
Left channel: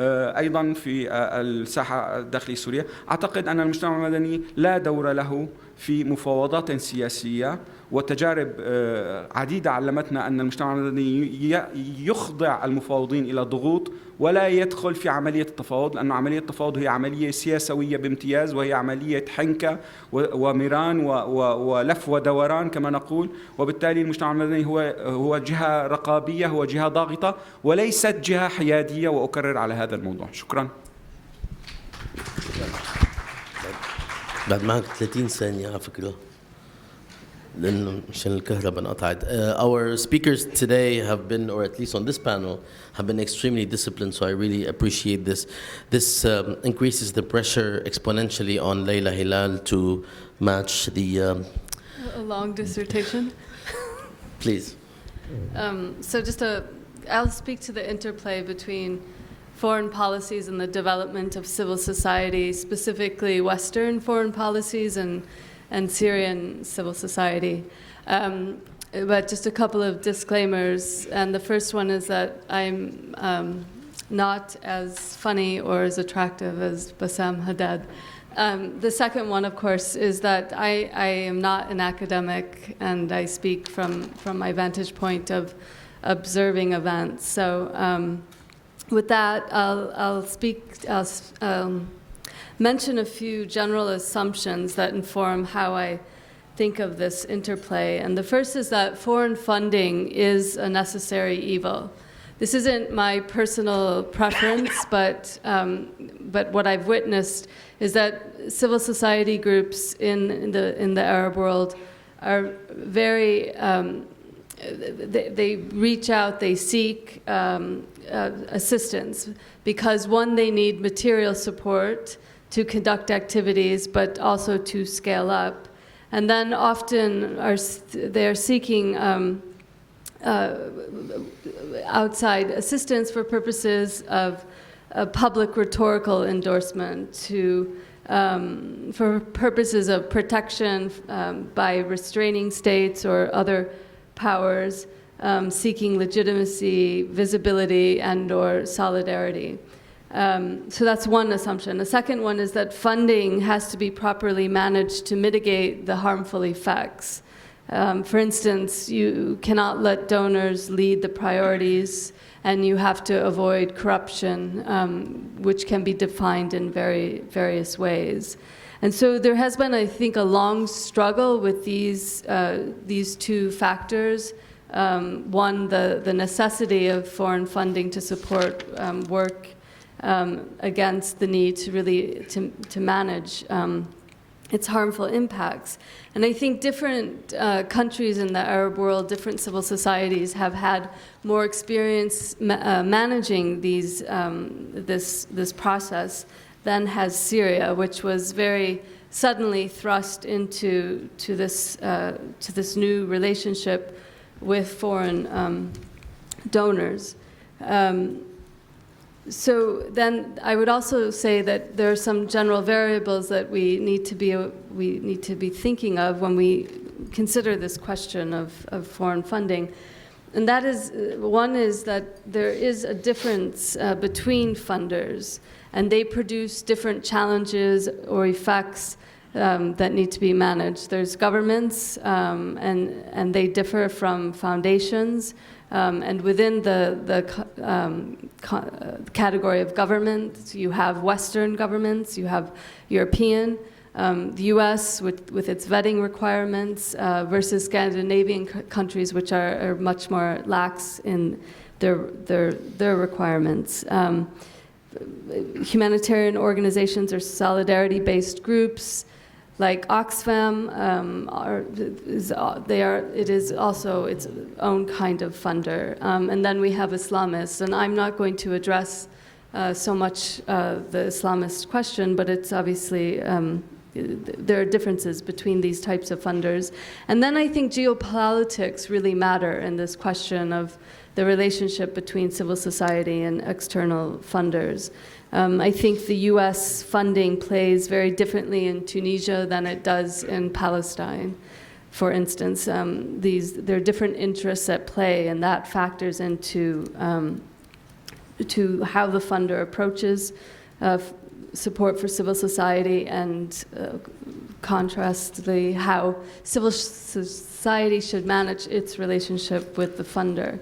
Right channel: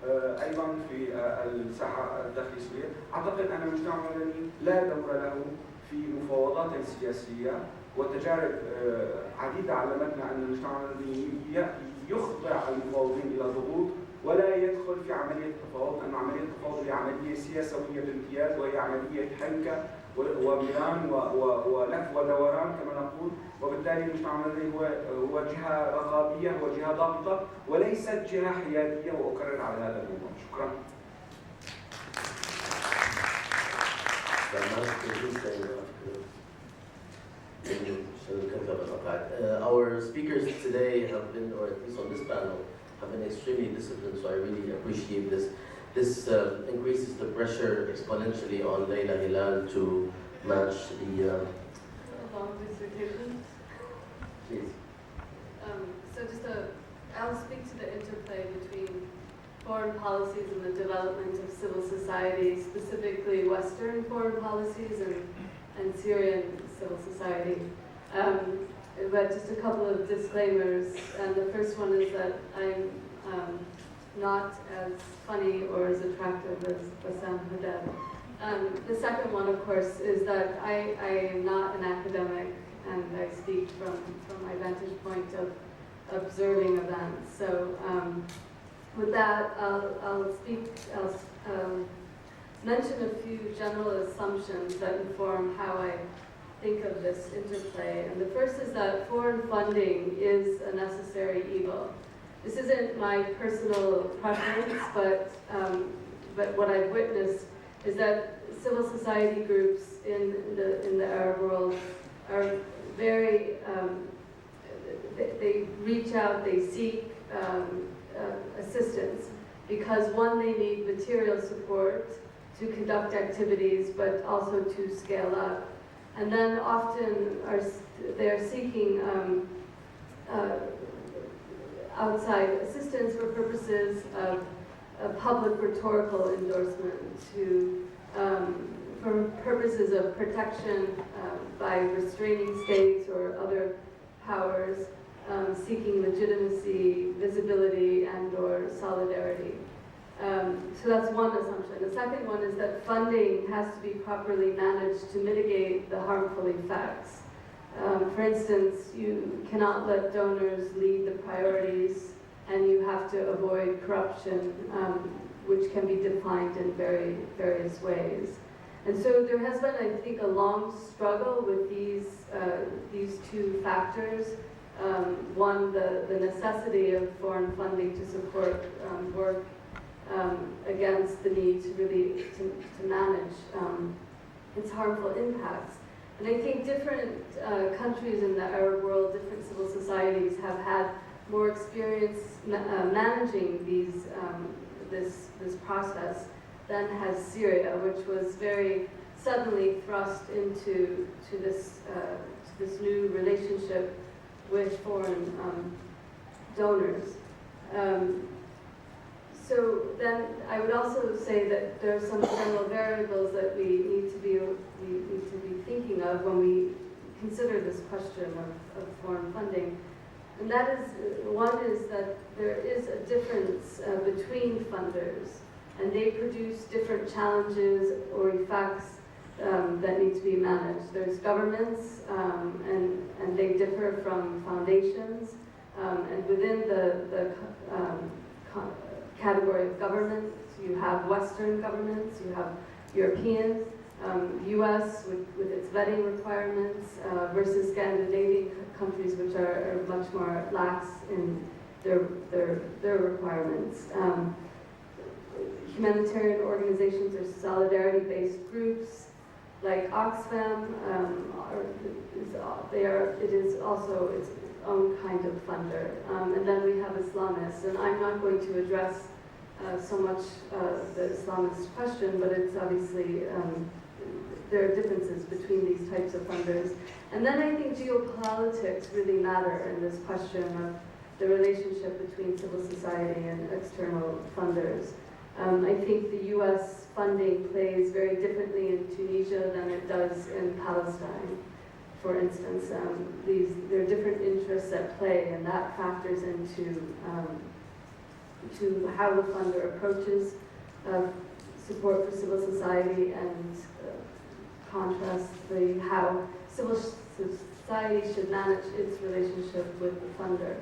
أيضا في الساحة الداخلية السورية. أعتقد أن المجتمع المدني لا دور له في مفاوضات سياسية، وتجارب عديدة علمتنا أن المجتمع المدني يخضع المفاوضين إلى ضغوط ولا يدخل في عملية التفاوض، لأن عملية التفاوض هي عملية سياسوية بامتياز، وهي عملية حنكة ومران ولف ودوران كما نقول. وبالتالي المجتمع المدني هو جهة رقابية، هو جهة ضاغطة وليست جهة حيادية، وأكرر على هذا الموضوع. شكرا. بعد معك 30 ثانية على فكرة لأنه عشان الكهرباء انقطعت. Our speakers today have been, or at least on this panel, have been extremely disciplined, so I really appreciate this. This increases the pressure exponentially on Leila Hilal to match the... A long dissertation. Please. So I'll speak to the interplay between foreign policies and the development of civil society, specifically Western foreign policies and Syrian civil society. But just a couple of disclaimers, and the first one is that I'm not as funny or as attractive as Bassam Haddad. The second one, of course, is that I am not an academic, and I speak from my vantage point of observing events. So with that, I'll mention a few general assumptions that inform how I think of this interplay. And the first is that foreign funding is a necessary evil. This isn't my personal preference, but what I've witnessed is that civil society groups in the Arab world are very, they reach out, they seek assistance because, one, they need material support to conduct activities, but also to scale up. And then often they're seeking outside assistance for purposes of public rhetorical endorsement, for purposes of protection by restraining states or other powers, seeking legitimacy, visibility, and/or solidarity. So that's one assumption. The second one is that funding has to be properly managed to mitigate the harmful effects. For instance, you cannot let donors lead the priorities, and you have to avoid corruption, which can be defined in various ways. And so there has been, I think, a long struggle with these two factors. One, the necessity of foreign funding to support work against the need to really to manage its harmful impacts. And I think different countries in the Arab world, different civil societies have had more experience managing this process than has Syria, which was very suddenly thrust into this new relationship with foreign donors. So then I would also say that there are some general variables that we need to be thinking of when we consider this question of foreign funding. And that is, one is that there is a difference between funders, and they produce different challenges or effects that need to be managed. There's governments, and they differ from foundations. And within the category of governments, you have Western governments, you have European, the US with its vetting requirements versus Scandinavian countries, which are much more lax in their requirements. Humanitarian organizations or solidarity-based groups like Oxfam it is also its own kind of funder. And then we have Islamists, and I'm not going to address so much the Islamist question, but it's obviously there are differences between these types of funders. And then I think geopolitics really matter in this question of the relationship between civil society and external funders. I think the US funding plays very differently in Tunisia than it does in Palestine, for instance. There are different interests at play, and that factors into to how the funder approaches support for civil society, and contrastly how civil society should manage its relationship with the funder.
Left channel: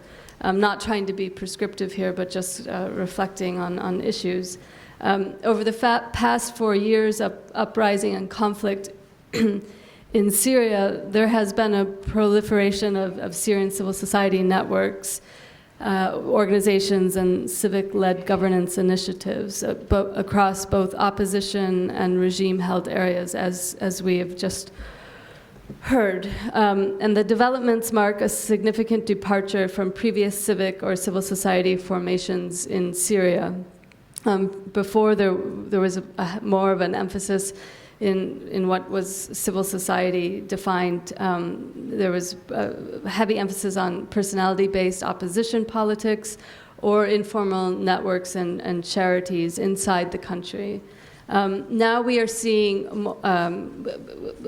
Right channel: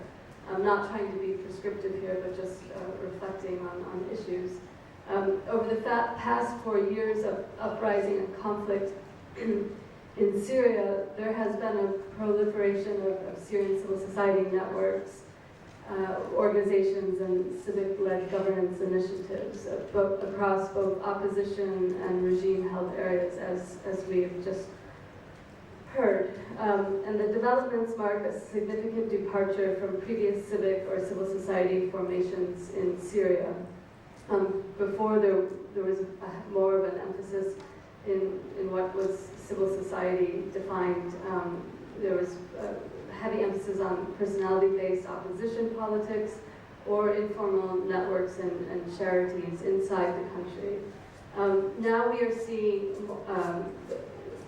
I'm not trying to be prescriptive here, but just reflecting on issues. Over the past 4 years of uprising and conflict in Syria, there has been a proliferation of Syrian civil society networks, organizations, and civic-led governance initiatives across both opposition and regime-held areas, as we have just heard. And the developments mark a significant departure from previous civic or civil society formations in Syria. Before, there was more of an emphasis in what was civil society defined. There was a heavy emphasis on personality-based opposition politics or informal networks and charities inside the country. Now we are seeing,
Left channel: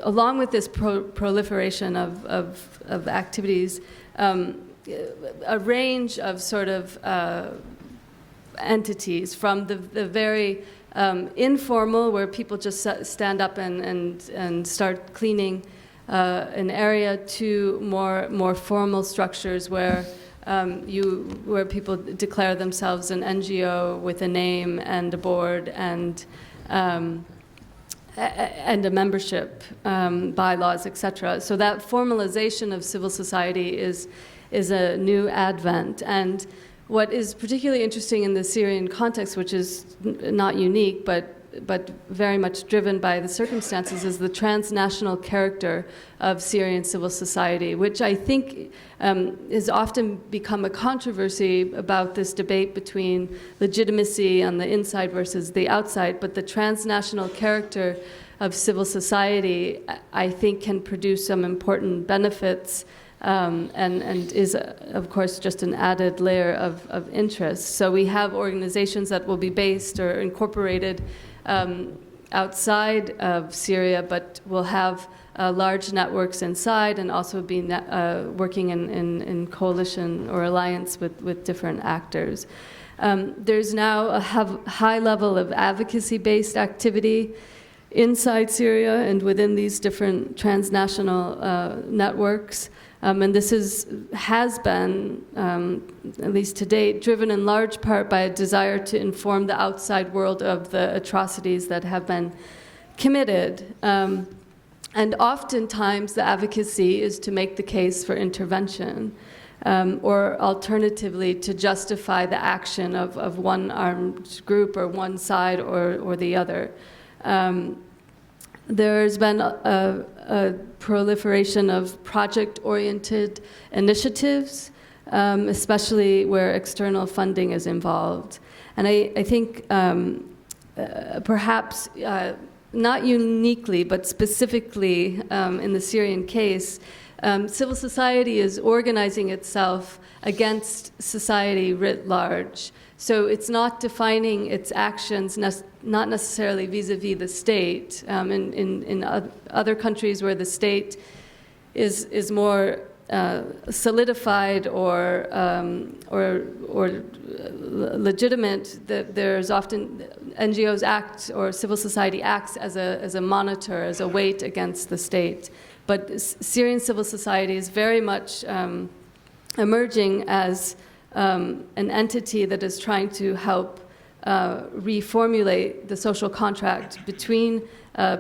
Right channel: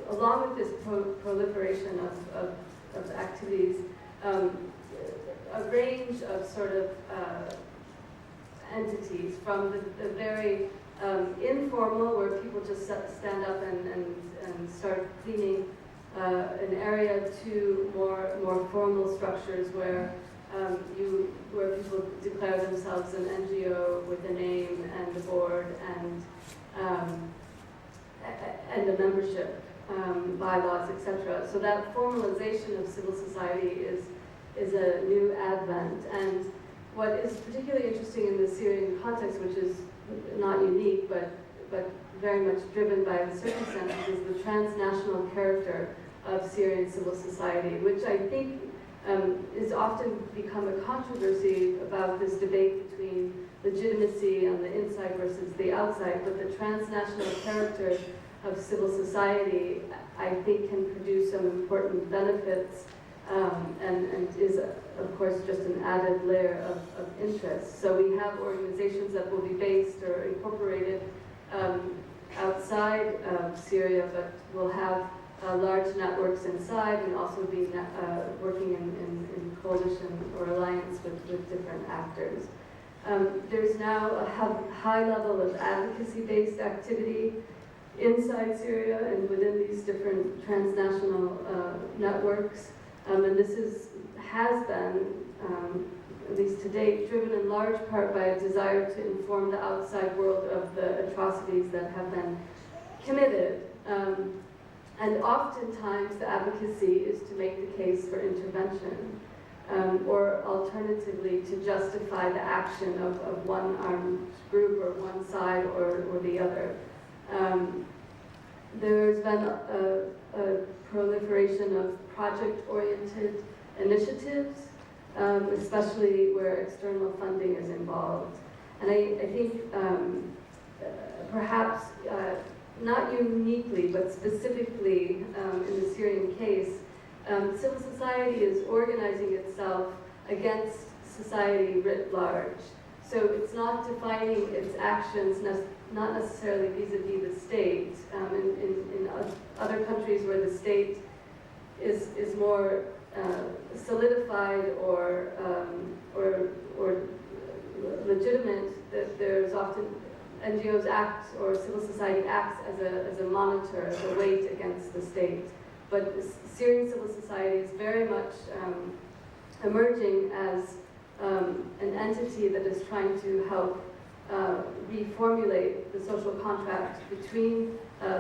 along with this proliferation of activities, a range of sort of entities, from the very informal, where people just stand up and start cleaning an area, to more formal structures where people declare themselves an NGO with a name and a board and a membership, bylaws, etc. So that formalization of civil society is a new advent. And what is particularly interesting in the Syrian context, which is not unique, but very much driven by the circumstances, is the transnational character of Syrian civil society, which I think has often become a controversy about this debate between legitimacy on the inside versus the outside. But the transnational character of civil society, I think, can produce some important benefits, and is, of course, just an added layer of interest. So we have organizations that will be based or incorporated outside of Syria, but will have large networks inside, and also be working in coalition or alliance with different actors. There's now a high level of advocacy-based activity inside Syria and within these different transnational networks. And this has been, at least to date, driven in large part by a desire to inform the outside world of the atrocities that have been committed. And oftentimes the advocacy is to make the case for intervention, or alternatively to justify the action of one armed group or one side or the other. There's been a proliferation of project-oriented initiatives, especially where external funding is involved. And I think perhaps not uniquely, but specifically in the Syrian case, civil society is organizing itself against society writ large. So it's not defining its actions, not necessarily vis-a-vis the state. In other countries where the state is more solidified or legitimate, there's often NGOs act, or civil society acts as a monitor, as a weight against the state. But Syrian civil society is very much emerging as an entity that is trying to help reformulate the social contract between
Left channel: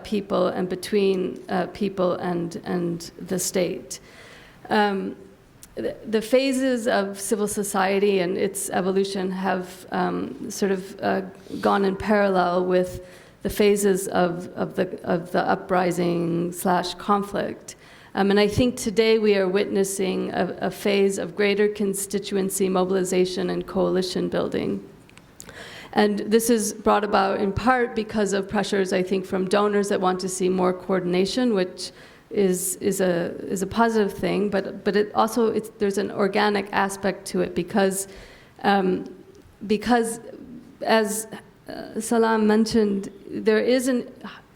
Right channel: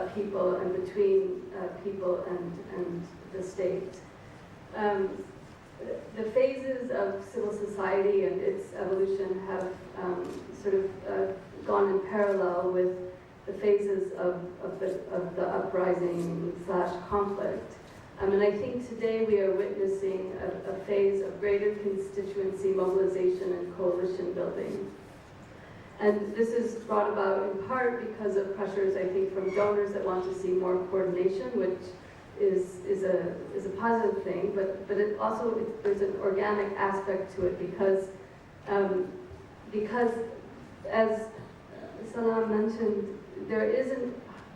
people and between people and the state. The phases of civil society and its evolution have sort of gone in parallel with the phases of the uprising / conflict. And I think today we are witnessing a phase of greater constituency mobilization and coalition building. And this is brought about in part because of pressures, I think, from donors that want to see more coordination, which is a positive thing, but it also, there's an organic aspect to it because as Salam mentioned, there isn't,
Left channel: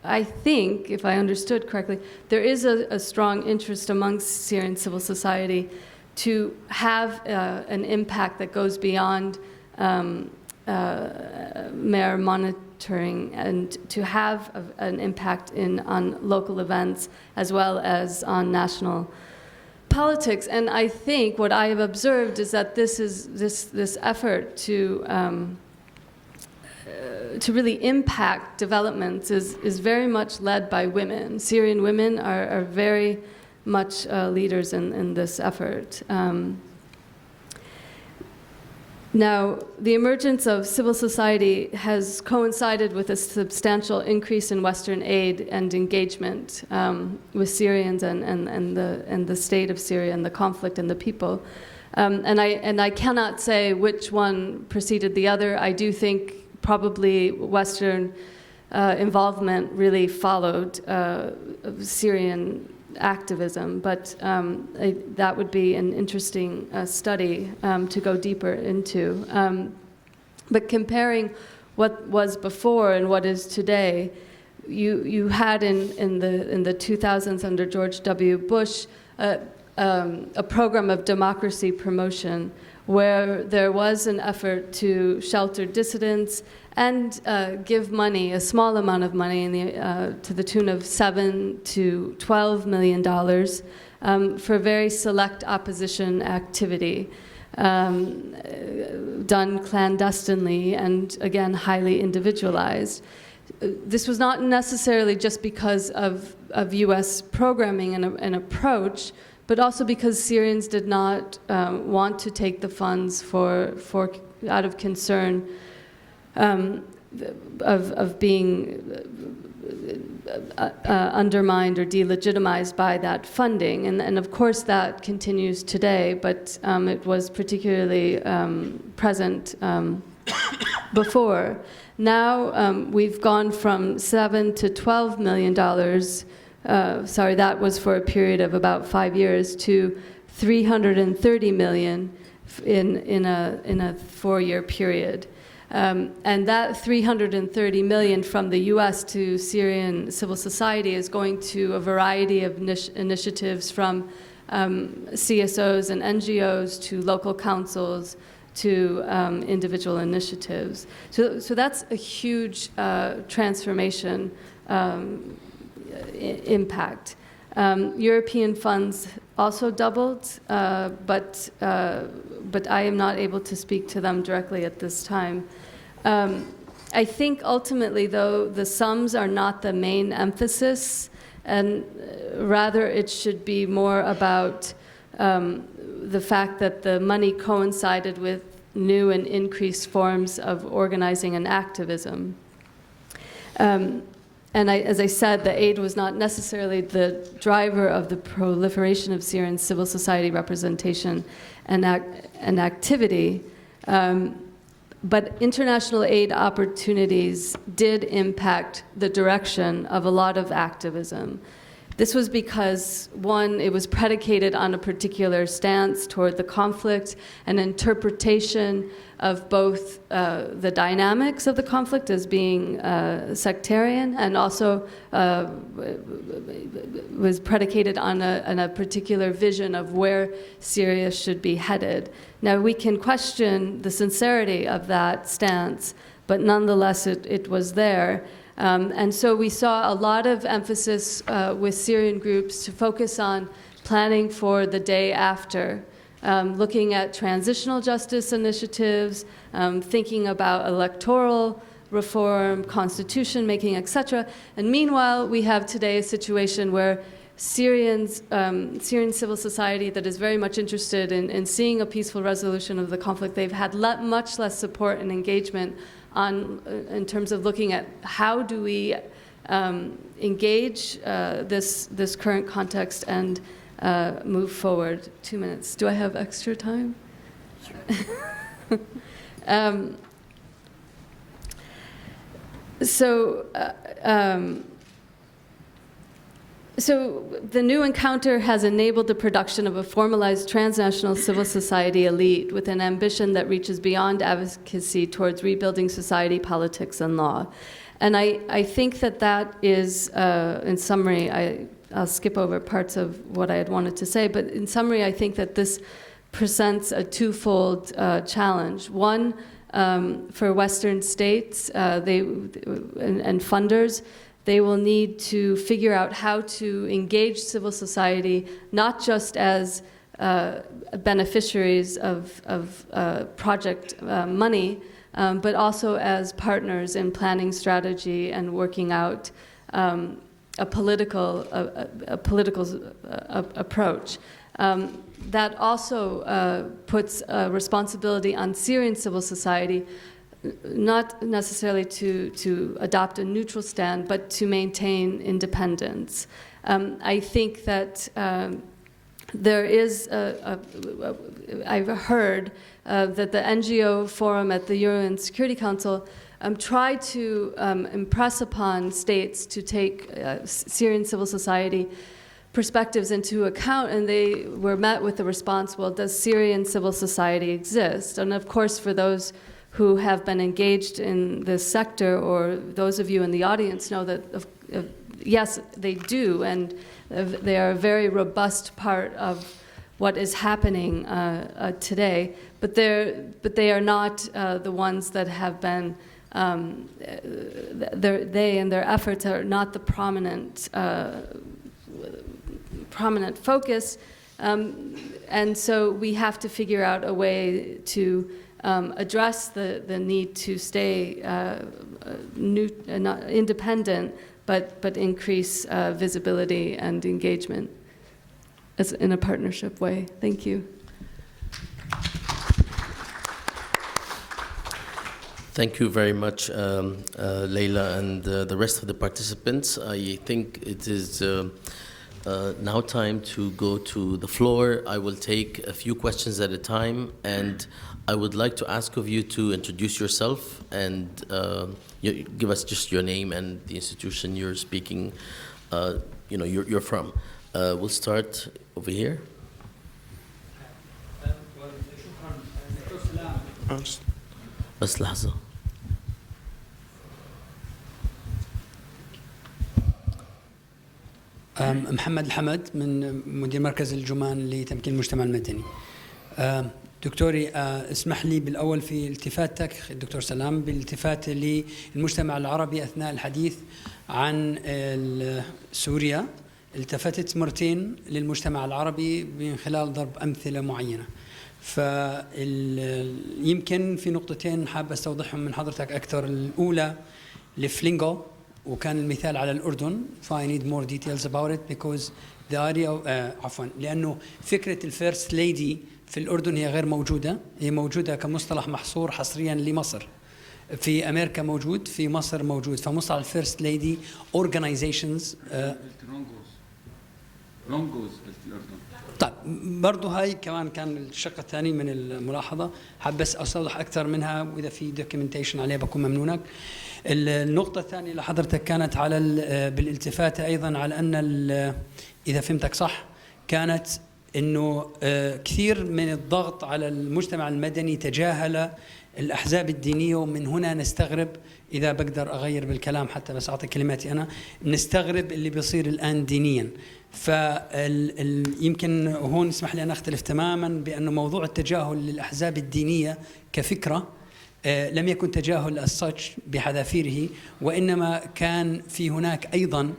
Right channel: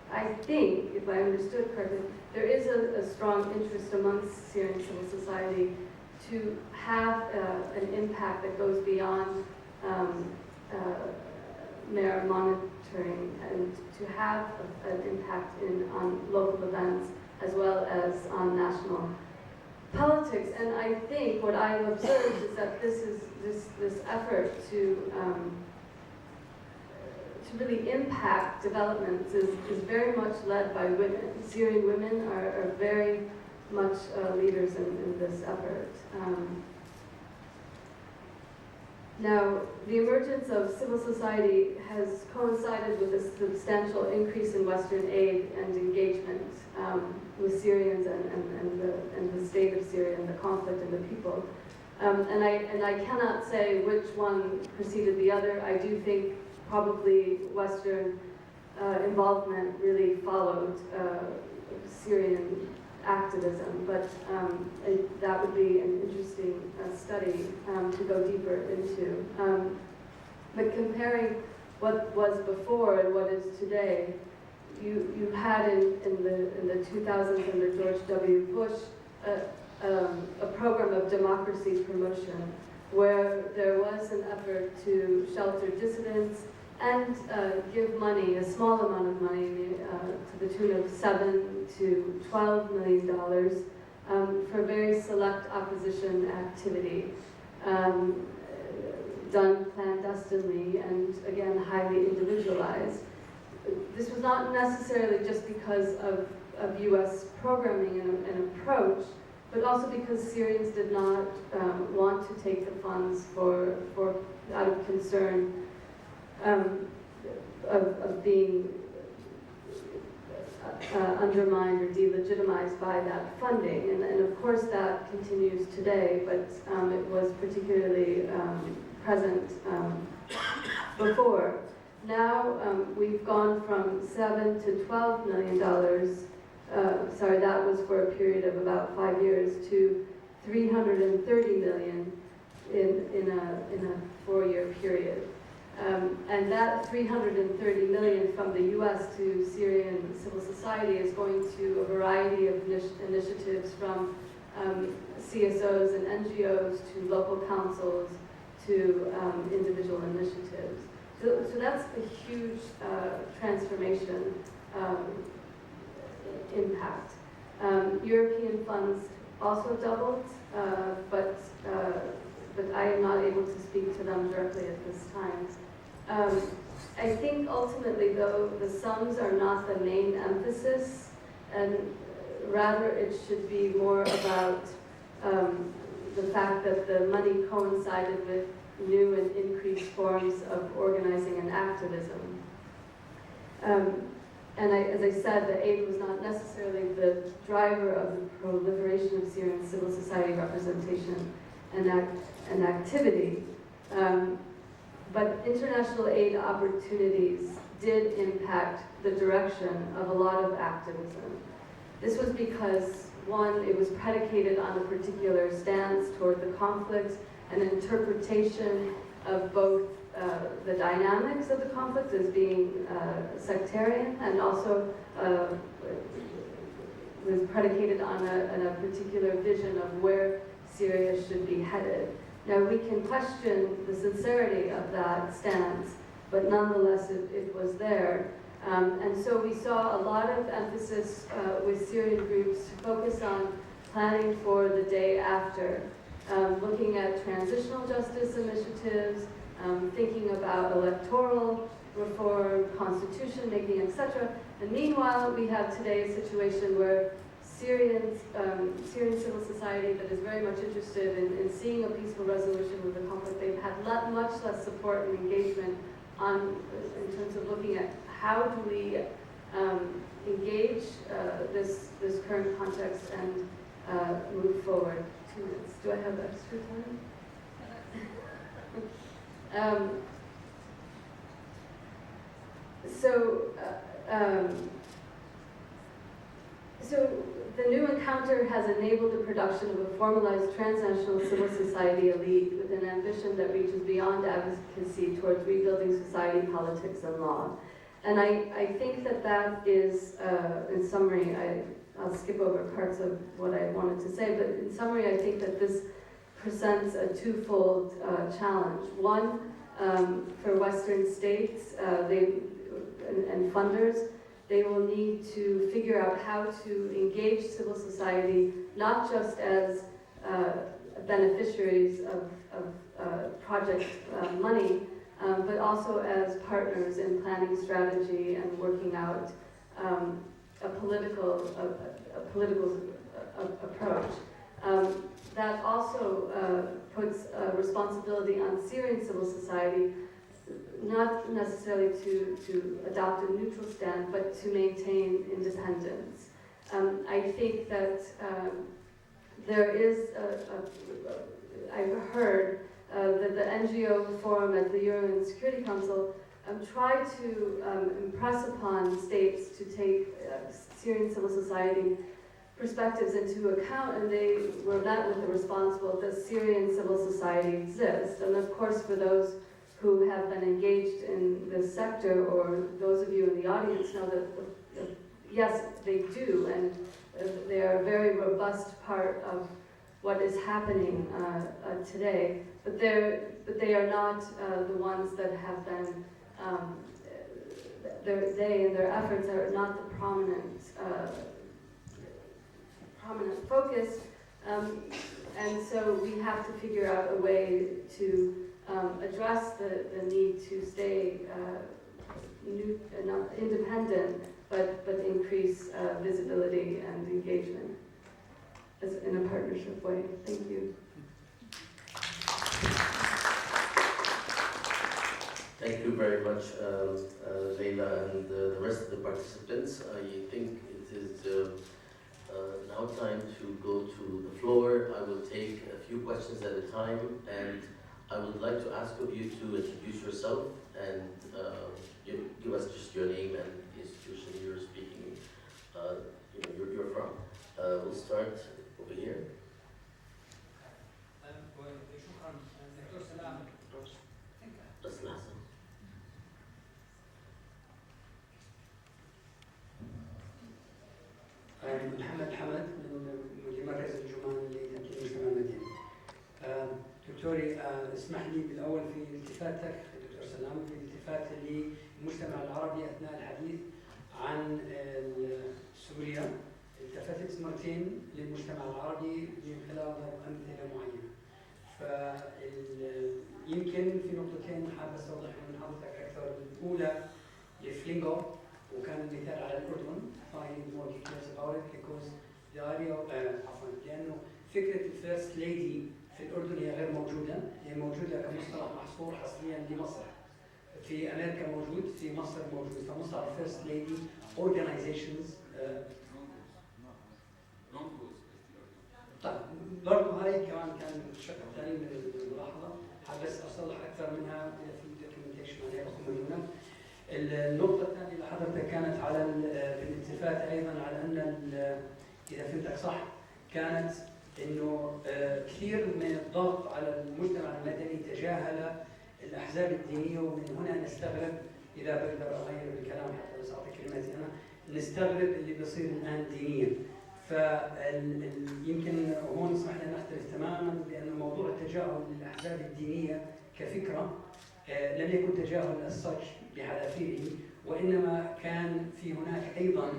I think, if I understood correctly, there is a strong interest amongst Syrian civil society to have an impact that goes beyond mere monitoring, and to have an impact on local events as well as on national politics. And I think what I have observed is that this effort to really impact developments is very much led by women. Syrian women are very much leaders in this effort. Now, the emergence of civil society has coincided with a substantial increase in Western aid and engagement with Syrians and the state of Syria and the conflict and the people. And I cannot say which one preceded the other. I do think probably Western involvement really followed Syrian activism, but that would be an interesting study to go deeper into. But comparing what was before and what is today, you had in the 2000s under George W. Bush a program of democracy promotion where there was an effort to shelter dissidents and give money, a small amount of money, to the tune of $7 to $12 million for very select opposition activity, done clandestinely and, again, highly individualized. This was not necessarily just because of U.S. programming and approach, but also because Syrians did not want to take the funds out of concern of being undermined or delegitimized by that funding. And of course that continues today, but it was particularly present before. Now we've gone from $7 to $12 million, sorry, that was for a period of about 5 years, to $330 million in a 4-year period. And that $330 million from the U.S. to Syrian civil society is going to a variety of initiatives, from CSOs and NGOs to local councils to individual initiatives. So that's a huge transformation impact. European funds also doubled, but I am not able to speak to them directly at this time. I think ultimately, though, the sums are not the main emphasis, and rather it should be more about the fact that the money coincided with new and increased forms of organizing and activism. And as I said, the aid was not necessarily the driver of the proliferation of Syrian civil society representation and activity, but international aid opportunities did impact the direction of a lot of activism. This was because, one, it was predicated on a particular stance toward the conflict, an interpretation of both the dynamics of the conflict as being sectarian, and also was predicated on a particular vision of where Syria should be headed. Now, we can question the sincerity of that stance, but nonetheless it was there. And so we saw a lot of emphasis with Syrian groups to focus on planning for the day after, looking at transitional justice initiatives, thinking about electoral reform, constitution making, etc. And meanwhile, we have today a situation where Syrian civil society that is very much interested in seeing a peaceful resolution of the conflict, they've had much less support and engagement in terms of looking at how do we engage this current context and move forward. 2 minutes. Do I have extra time? So the new encounter has enabled the production of a formalized transnational civil society elite with an ambition that reaches beyond advocacy towards rebuilding society, politics, and law. And I think that is, in summary, I'll skip over parts of what I had wanted to say, but in summary, I think that this presents a twofold challenge. One, for Western states and funders, they will need to figure out how to engage civil society, not just as beneficiaries of project money, but also as partners in planning strategy and working out a political approach. That also puts responsibility on Syrian civil society, not necessarily to adopt a neutral stand, but to maintain independence. I think that there is, I've heard that the NGO forum at the UN Security Council tried to impress upon states to take Syrian civil society perspectives into account, and they were met with the response, well, does Syrian civil society exist? And of course, for those who have been engaged in this sector, or those of you in the audience know that, yes, they do, and they are a very robust part of what is happening today, but they are not the ones that have been, they and their efforts are not the prominent focus, and so we have to figure out a way to address the need to stay independent, but increase visibility and engagement as in a partnership way. Thank you. Thank you very much, Leila, and the rest of the participants. I think it is now time to go to the floor. I will take a few questions at a time, and I would like to ask of you to introduce yourself and give us just your name and the institution you're speaking, you're from. We'll start over here. بس لحظة. محمد الحمد من مدير مركز الجمان لتمكين المجتمع المدني. دكتوري اسمح لي بالأول في التفاتك الدكتور سلام بالالتفات للمجتمع العربي أثناء الحديث عن سوريا. التفتت مرتين للمجتمع العربي من خلال ضرب أمثلة معينة. يمكن في نقطتين حاب استوضحهم من حضرتك أكثر. الأولى لفلينغو، وكان المثال على الأردن. I need more details about it because the idea عفوا لأنه فكرة الفيرست ليدي في الأردن هي غير موجودة، هي موجودة كمصطلح محصور حصريا لمصر. في أمريكا موجود، في مصر موجود. فمصطلح الفيرست ليدي organizations طيب برضو هاي كمان كان الشق الثاني من الملاحظة، حاب بس أصلح أكثر منها، وإذا في دوكيومنتيشن عليه بكون ممنونك. النقطة الثانية اللي حضرتك كانت على بالالتفاتة أيضا على أن إذا فهمتك صح كانت إنه كثير من الضغط على المجتمع المدني تجاهل الأحزاب الدينية، ومن هنا نستغرب، إذا بقدر أغير بالكلام حتى بس أعطي كلماتي أنا، نستغرب اللي بيصير الآن دينيا. يمكن هون اسمح لي أن أختلف تماما بأنه موضوع التجاهل للأحزاب الدينية كفكرة لم يكن تجاهل الساتش بحذافيره، وإنما كان في هناك أيضا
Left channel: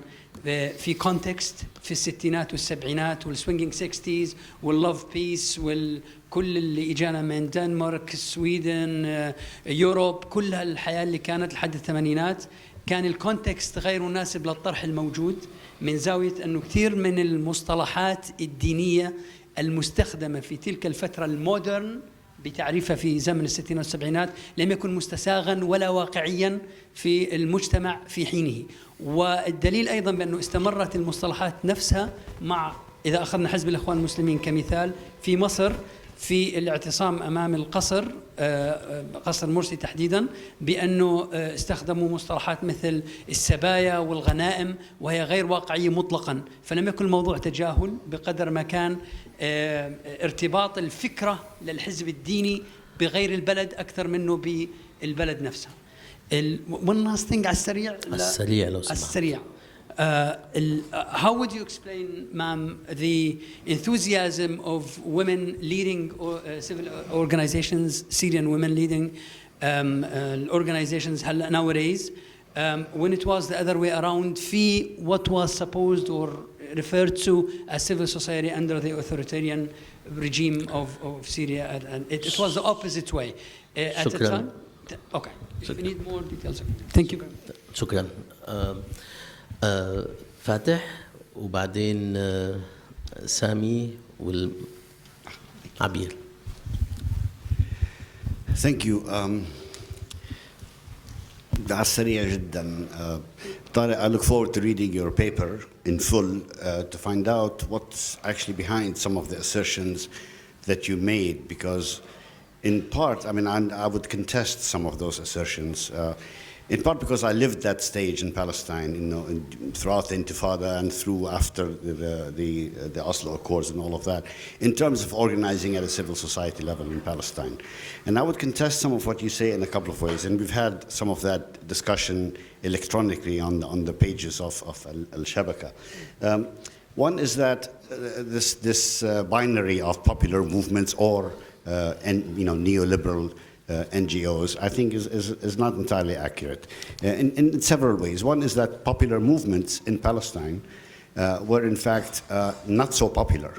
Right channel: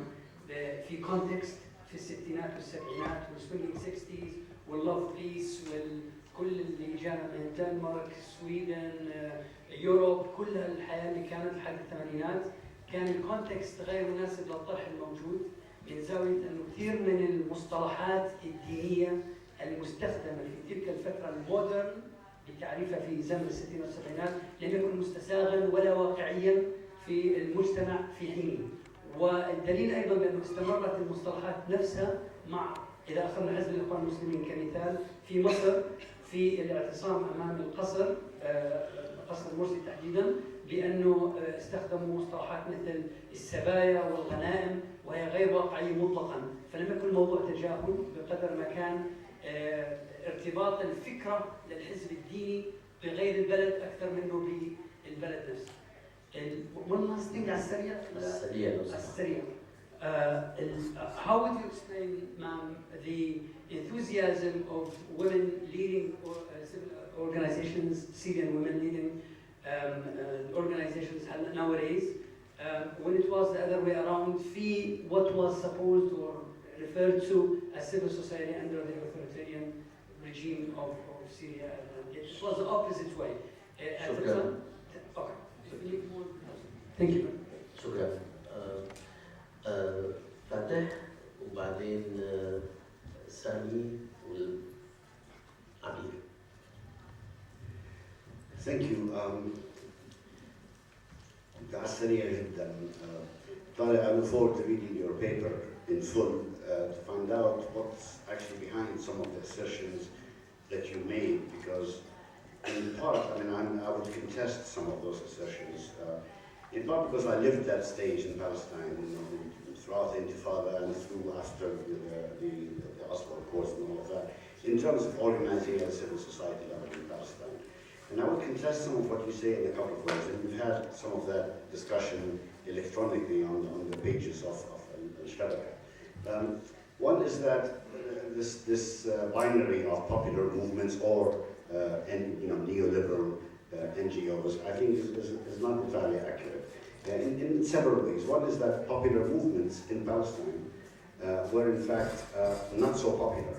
في كونتكست في الستينات والسبعينات والسوينجينج 60s واللوف بيس والكل اللي إجانا من دنمارك، السويدن، يوروب، كل الحياة اللي كانت لحد الثمانينات، كان الكونتكست غير مناسب للطرح الموجود، من زاوية أنه كثير من المصطلحات الدينية المستخدمة في تلك الفترة المودرن بتعريفها في زمن الستينات والسبعينات لم يكن مستساغا ولا واقعيا في المجتمع في حينه. والدليل أيضا بأنه استمرت المصطلحات نفسها مع، إذا أخذنا حزب الإخوان المسلمين كمثال في مصر، في الاعتصام أمام القصر، قصر مرسي تحديدا، بأنه استخدموا مصطلحات مثل السبايا والغنائم وهي غير واقعية مطلقا. فلم يكن الموضوع تجاهل بقدر ما كان ارتباط الفكرة للحزب الديني بغير البلد أكثر منه بالبلد نفسها. one last thing على السريع. السريع لو سمحت. السريع. How would you explain, ma'am, the enthusiasm of women leading civil organizations, Syrian women leading organizations nowadays, when it was the other way around, في what was supposed or referred to as civil society under the authoritarian regime of Syria, and it was the opposite way at the time? Okay, so we need more details. Thank you. شكرا. فاتح وبعدين سامي والعبير. Thank you. على السريع جدا. I look forward to reading your paper in full to find out what's actually behind some of the assertions that you made, because in part, I mean, I would contest some of those assertions. In part because I lived that stage in Palestine, you know, throughout the Intifada and through after the Oslo Accords and all of that, in terms of organizing at a civil society level in Palestine. And I would contest some of what you say in a couple of ways, and we've had some of that discussion electronically on the pages of Al-Shabaka. One is that this binary of popular movements or neoliberal NGOs, I think is not entirely accurate in several ways. One is that popular movements in Palestine were in fact not so popular.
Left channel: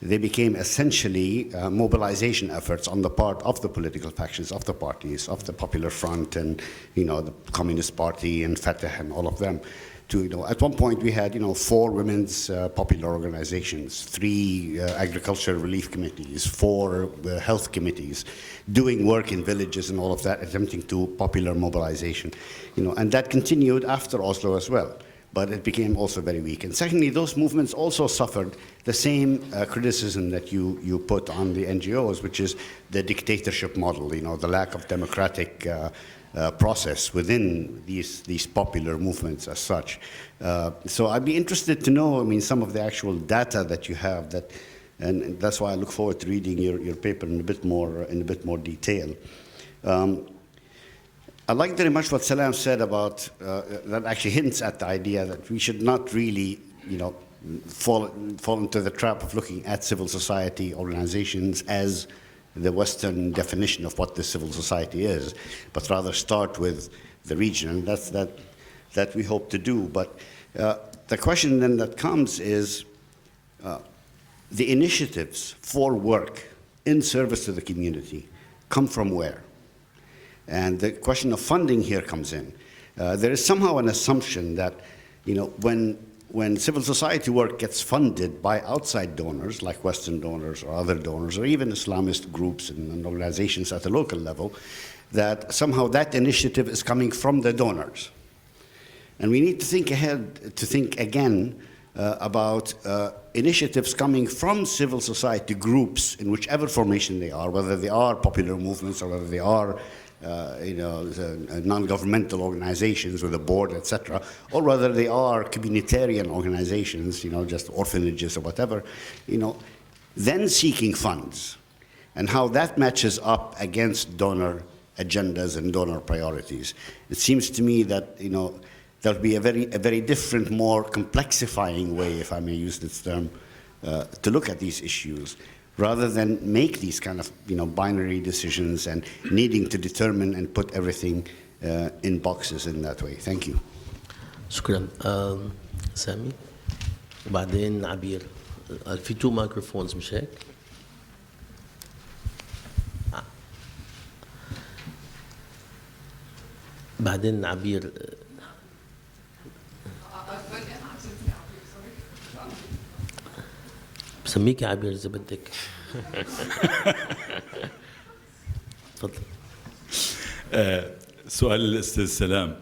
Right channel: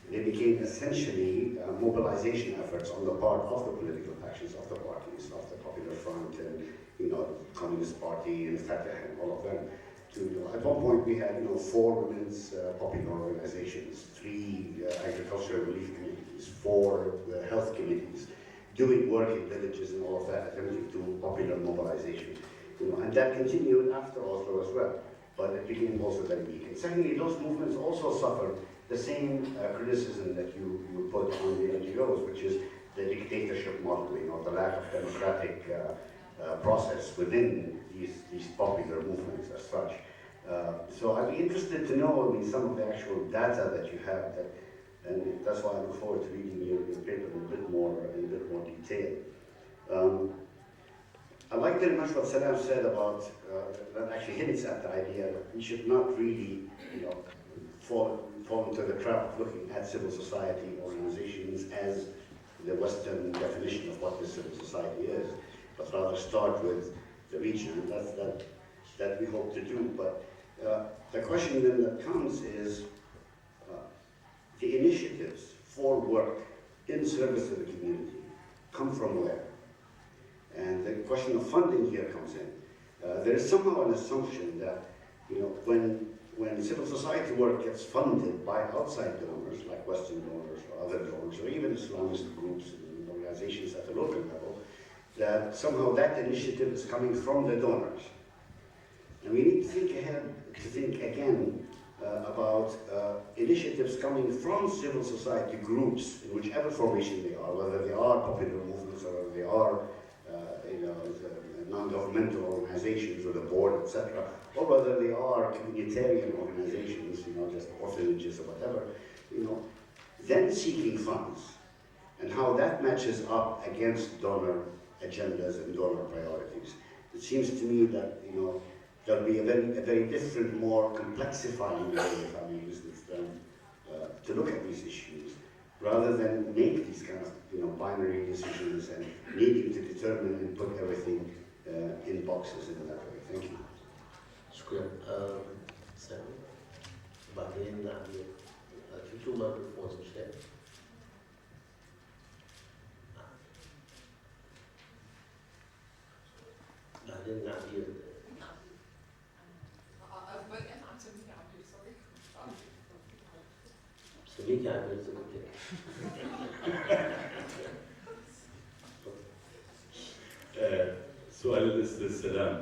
They became essentially mobilization efforts on the part of the political factions, of the parties, of the Popular Front and the Communist Party and Fatah and all of them. At one point we had 4 women's popular organizations, 3 agriculture relief committees, 4 health committees, doing work in villages and all of that, attempting to popular mobilization, and that continued after Oslo as well. But it became also very weak. And secondly, those movements also suffered the same criticism that you put on the NGOs, which is the dictatorship model, the lack of democratic process within these popular movements as such. So I'd be interested to know, some of the actual data that you have, and that's why I look forward to reading your paper in a bit more detail. I like very much what Salam said about that actually hints at the idea that we should not really, fall into the trap of looking at civil society organizations as the Western definition of what the civil society is, but rather start with the region, and that we hope to do. But the question then that comes is the initiatives for work in service to the community come from where? And the question of funding here comes in. There is somehow an assumption that, when civil society work gets funded by outside donors, like Western donors or other donors, or even Islamist groups and organizations at the local level, that somehow that initiative is coming from the donors. And we need to think ahead, to think again about initiatives coming from civil society groups in whichever formation they are, whether they are popular movements or whether they are non-governmental organizations with a board, etc., or whether they are communitarian organizations, just orphanages or whatever, then seeking funds, and how that matches up against donor agendas and donor priorities. It seems to me that there'll be a very different, more complexifying way, if I may use this term, to look at these issues, rather than make these kind of binary decisions and needing to determine and put everything in boxes in that way. Thank you. شكرا. سامي وبعدين عبير. في 2 microphones مش هيك؟ بعدين عبير. بسميك يا عبير إذا بدك. تفضل. سؤال الأستاذ سلام.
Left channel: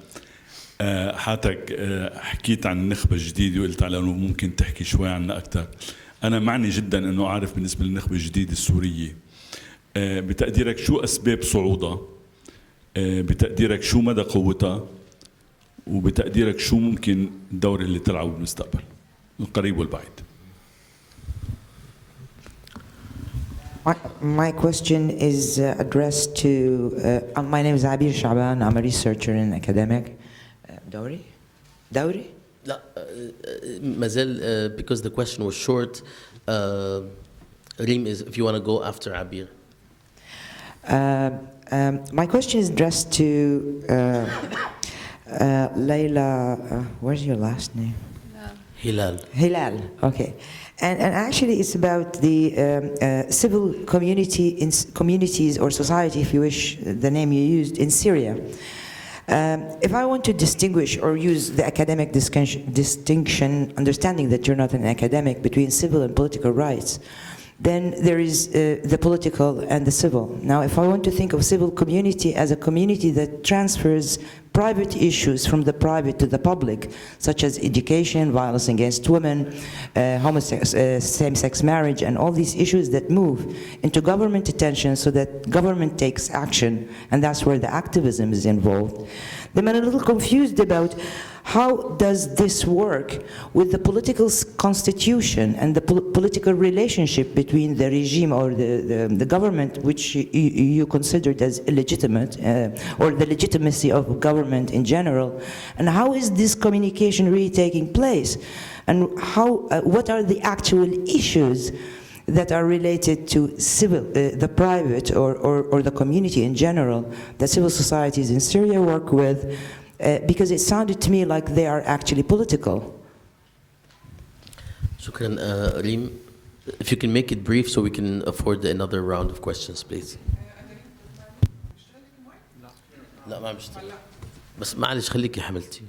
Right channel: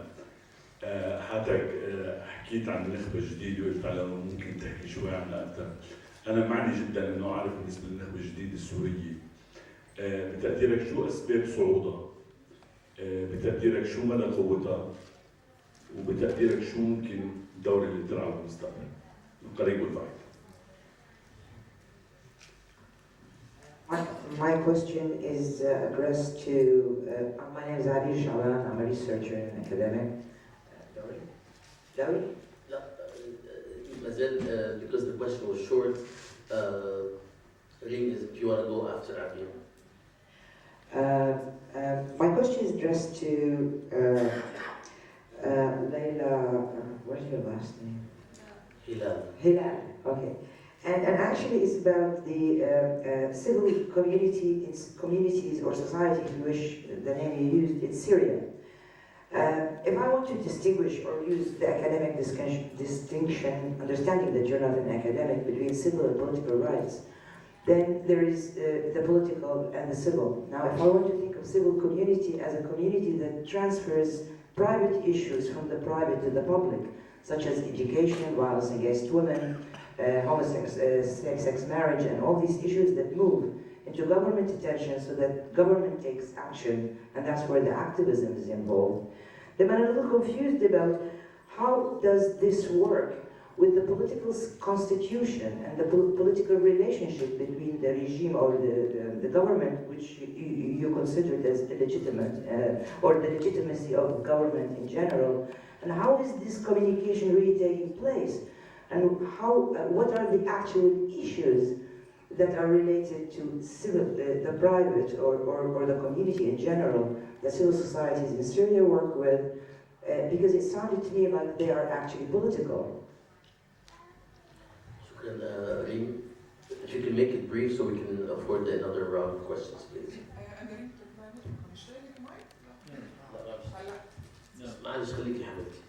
حضرتك حكيت عن النخبة الجديدة وقلت على أنه ممكن تحكي شوي عنها أكثر. أنا معني جدا أنه أعرف بالنسبة للنخبة الجديدة السورية بتقديرك شو أسباب صعودها؟ بتقديرك شو مدى قوتها؟ وبتقديرك شو ممكن الدور اللي تلعبه بالمستقبل القريب والبعيد؟ My question is addressed to, my name is Abir Shaban, I'm a researcher and academic. Dowry? لا مازال because the question was short. Reem, if you want to go after Abir. My question is addressed to Layla, where's your last name? Hilal, okay. And actually it's about the civil communities or society, if you wish, the name you used, in Syria. If I want to distinguish or use the academic distinction, understanding that you're not an academic, between civil and political rights, then there is the political and the civil. Now, if I want to think of civil community as a community that transfers private issues from the private to the public, such as education, violence against women, same-sex marriage, and all these issues that move into government attention so that government takes action, and that's where the activism is involved. Then I'm a little confused about how does this work with the political constitution and the political relationship between the regime or the government, which you considered as illegitimate, or the legitimacy of government in general, and how is this communication really taking place? And how, what are the actual issues that are related to civil, the private or the community in general that civil societies in Syria work with? Because it sounded to me like they are actually political. شكرا Reem. If you can make it brief so we can afford another round of questions, please. لا ما مشتغل بس معلش خليكي حملتي.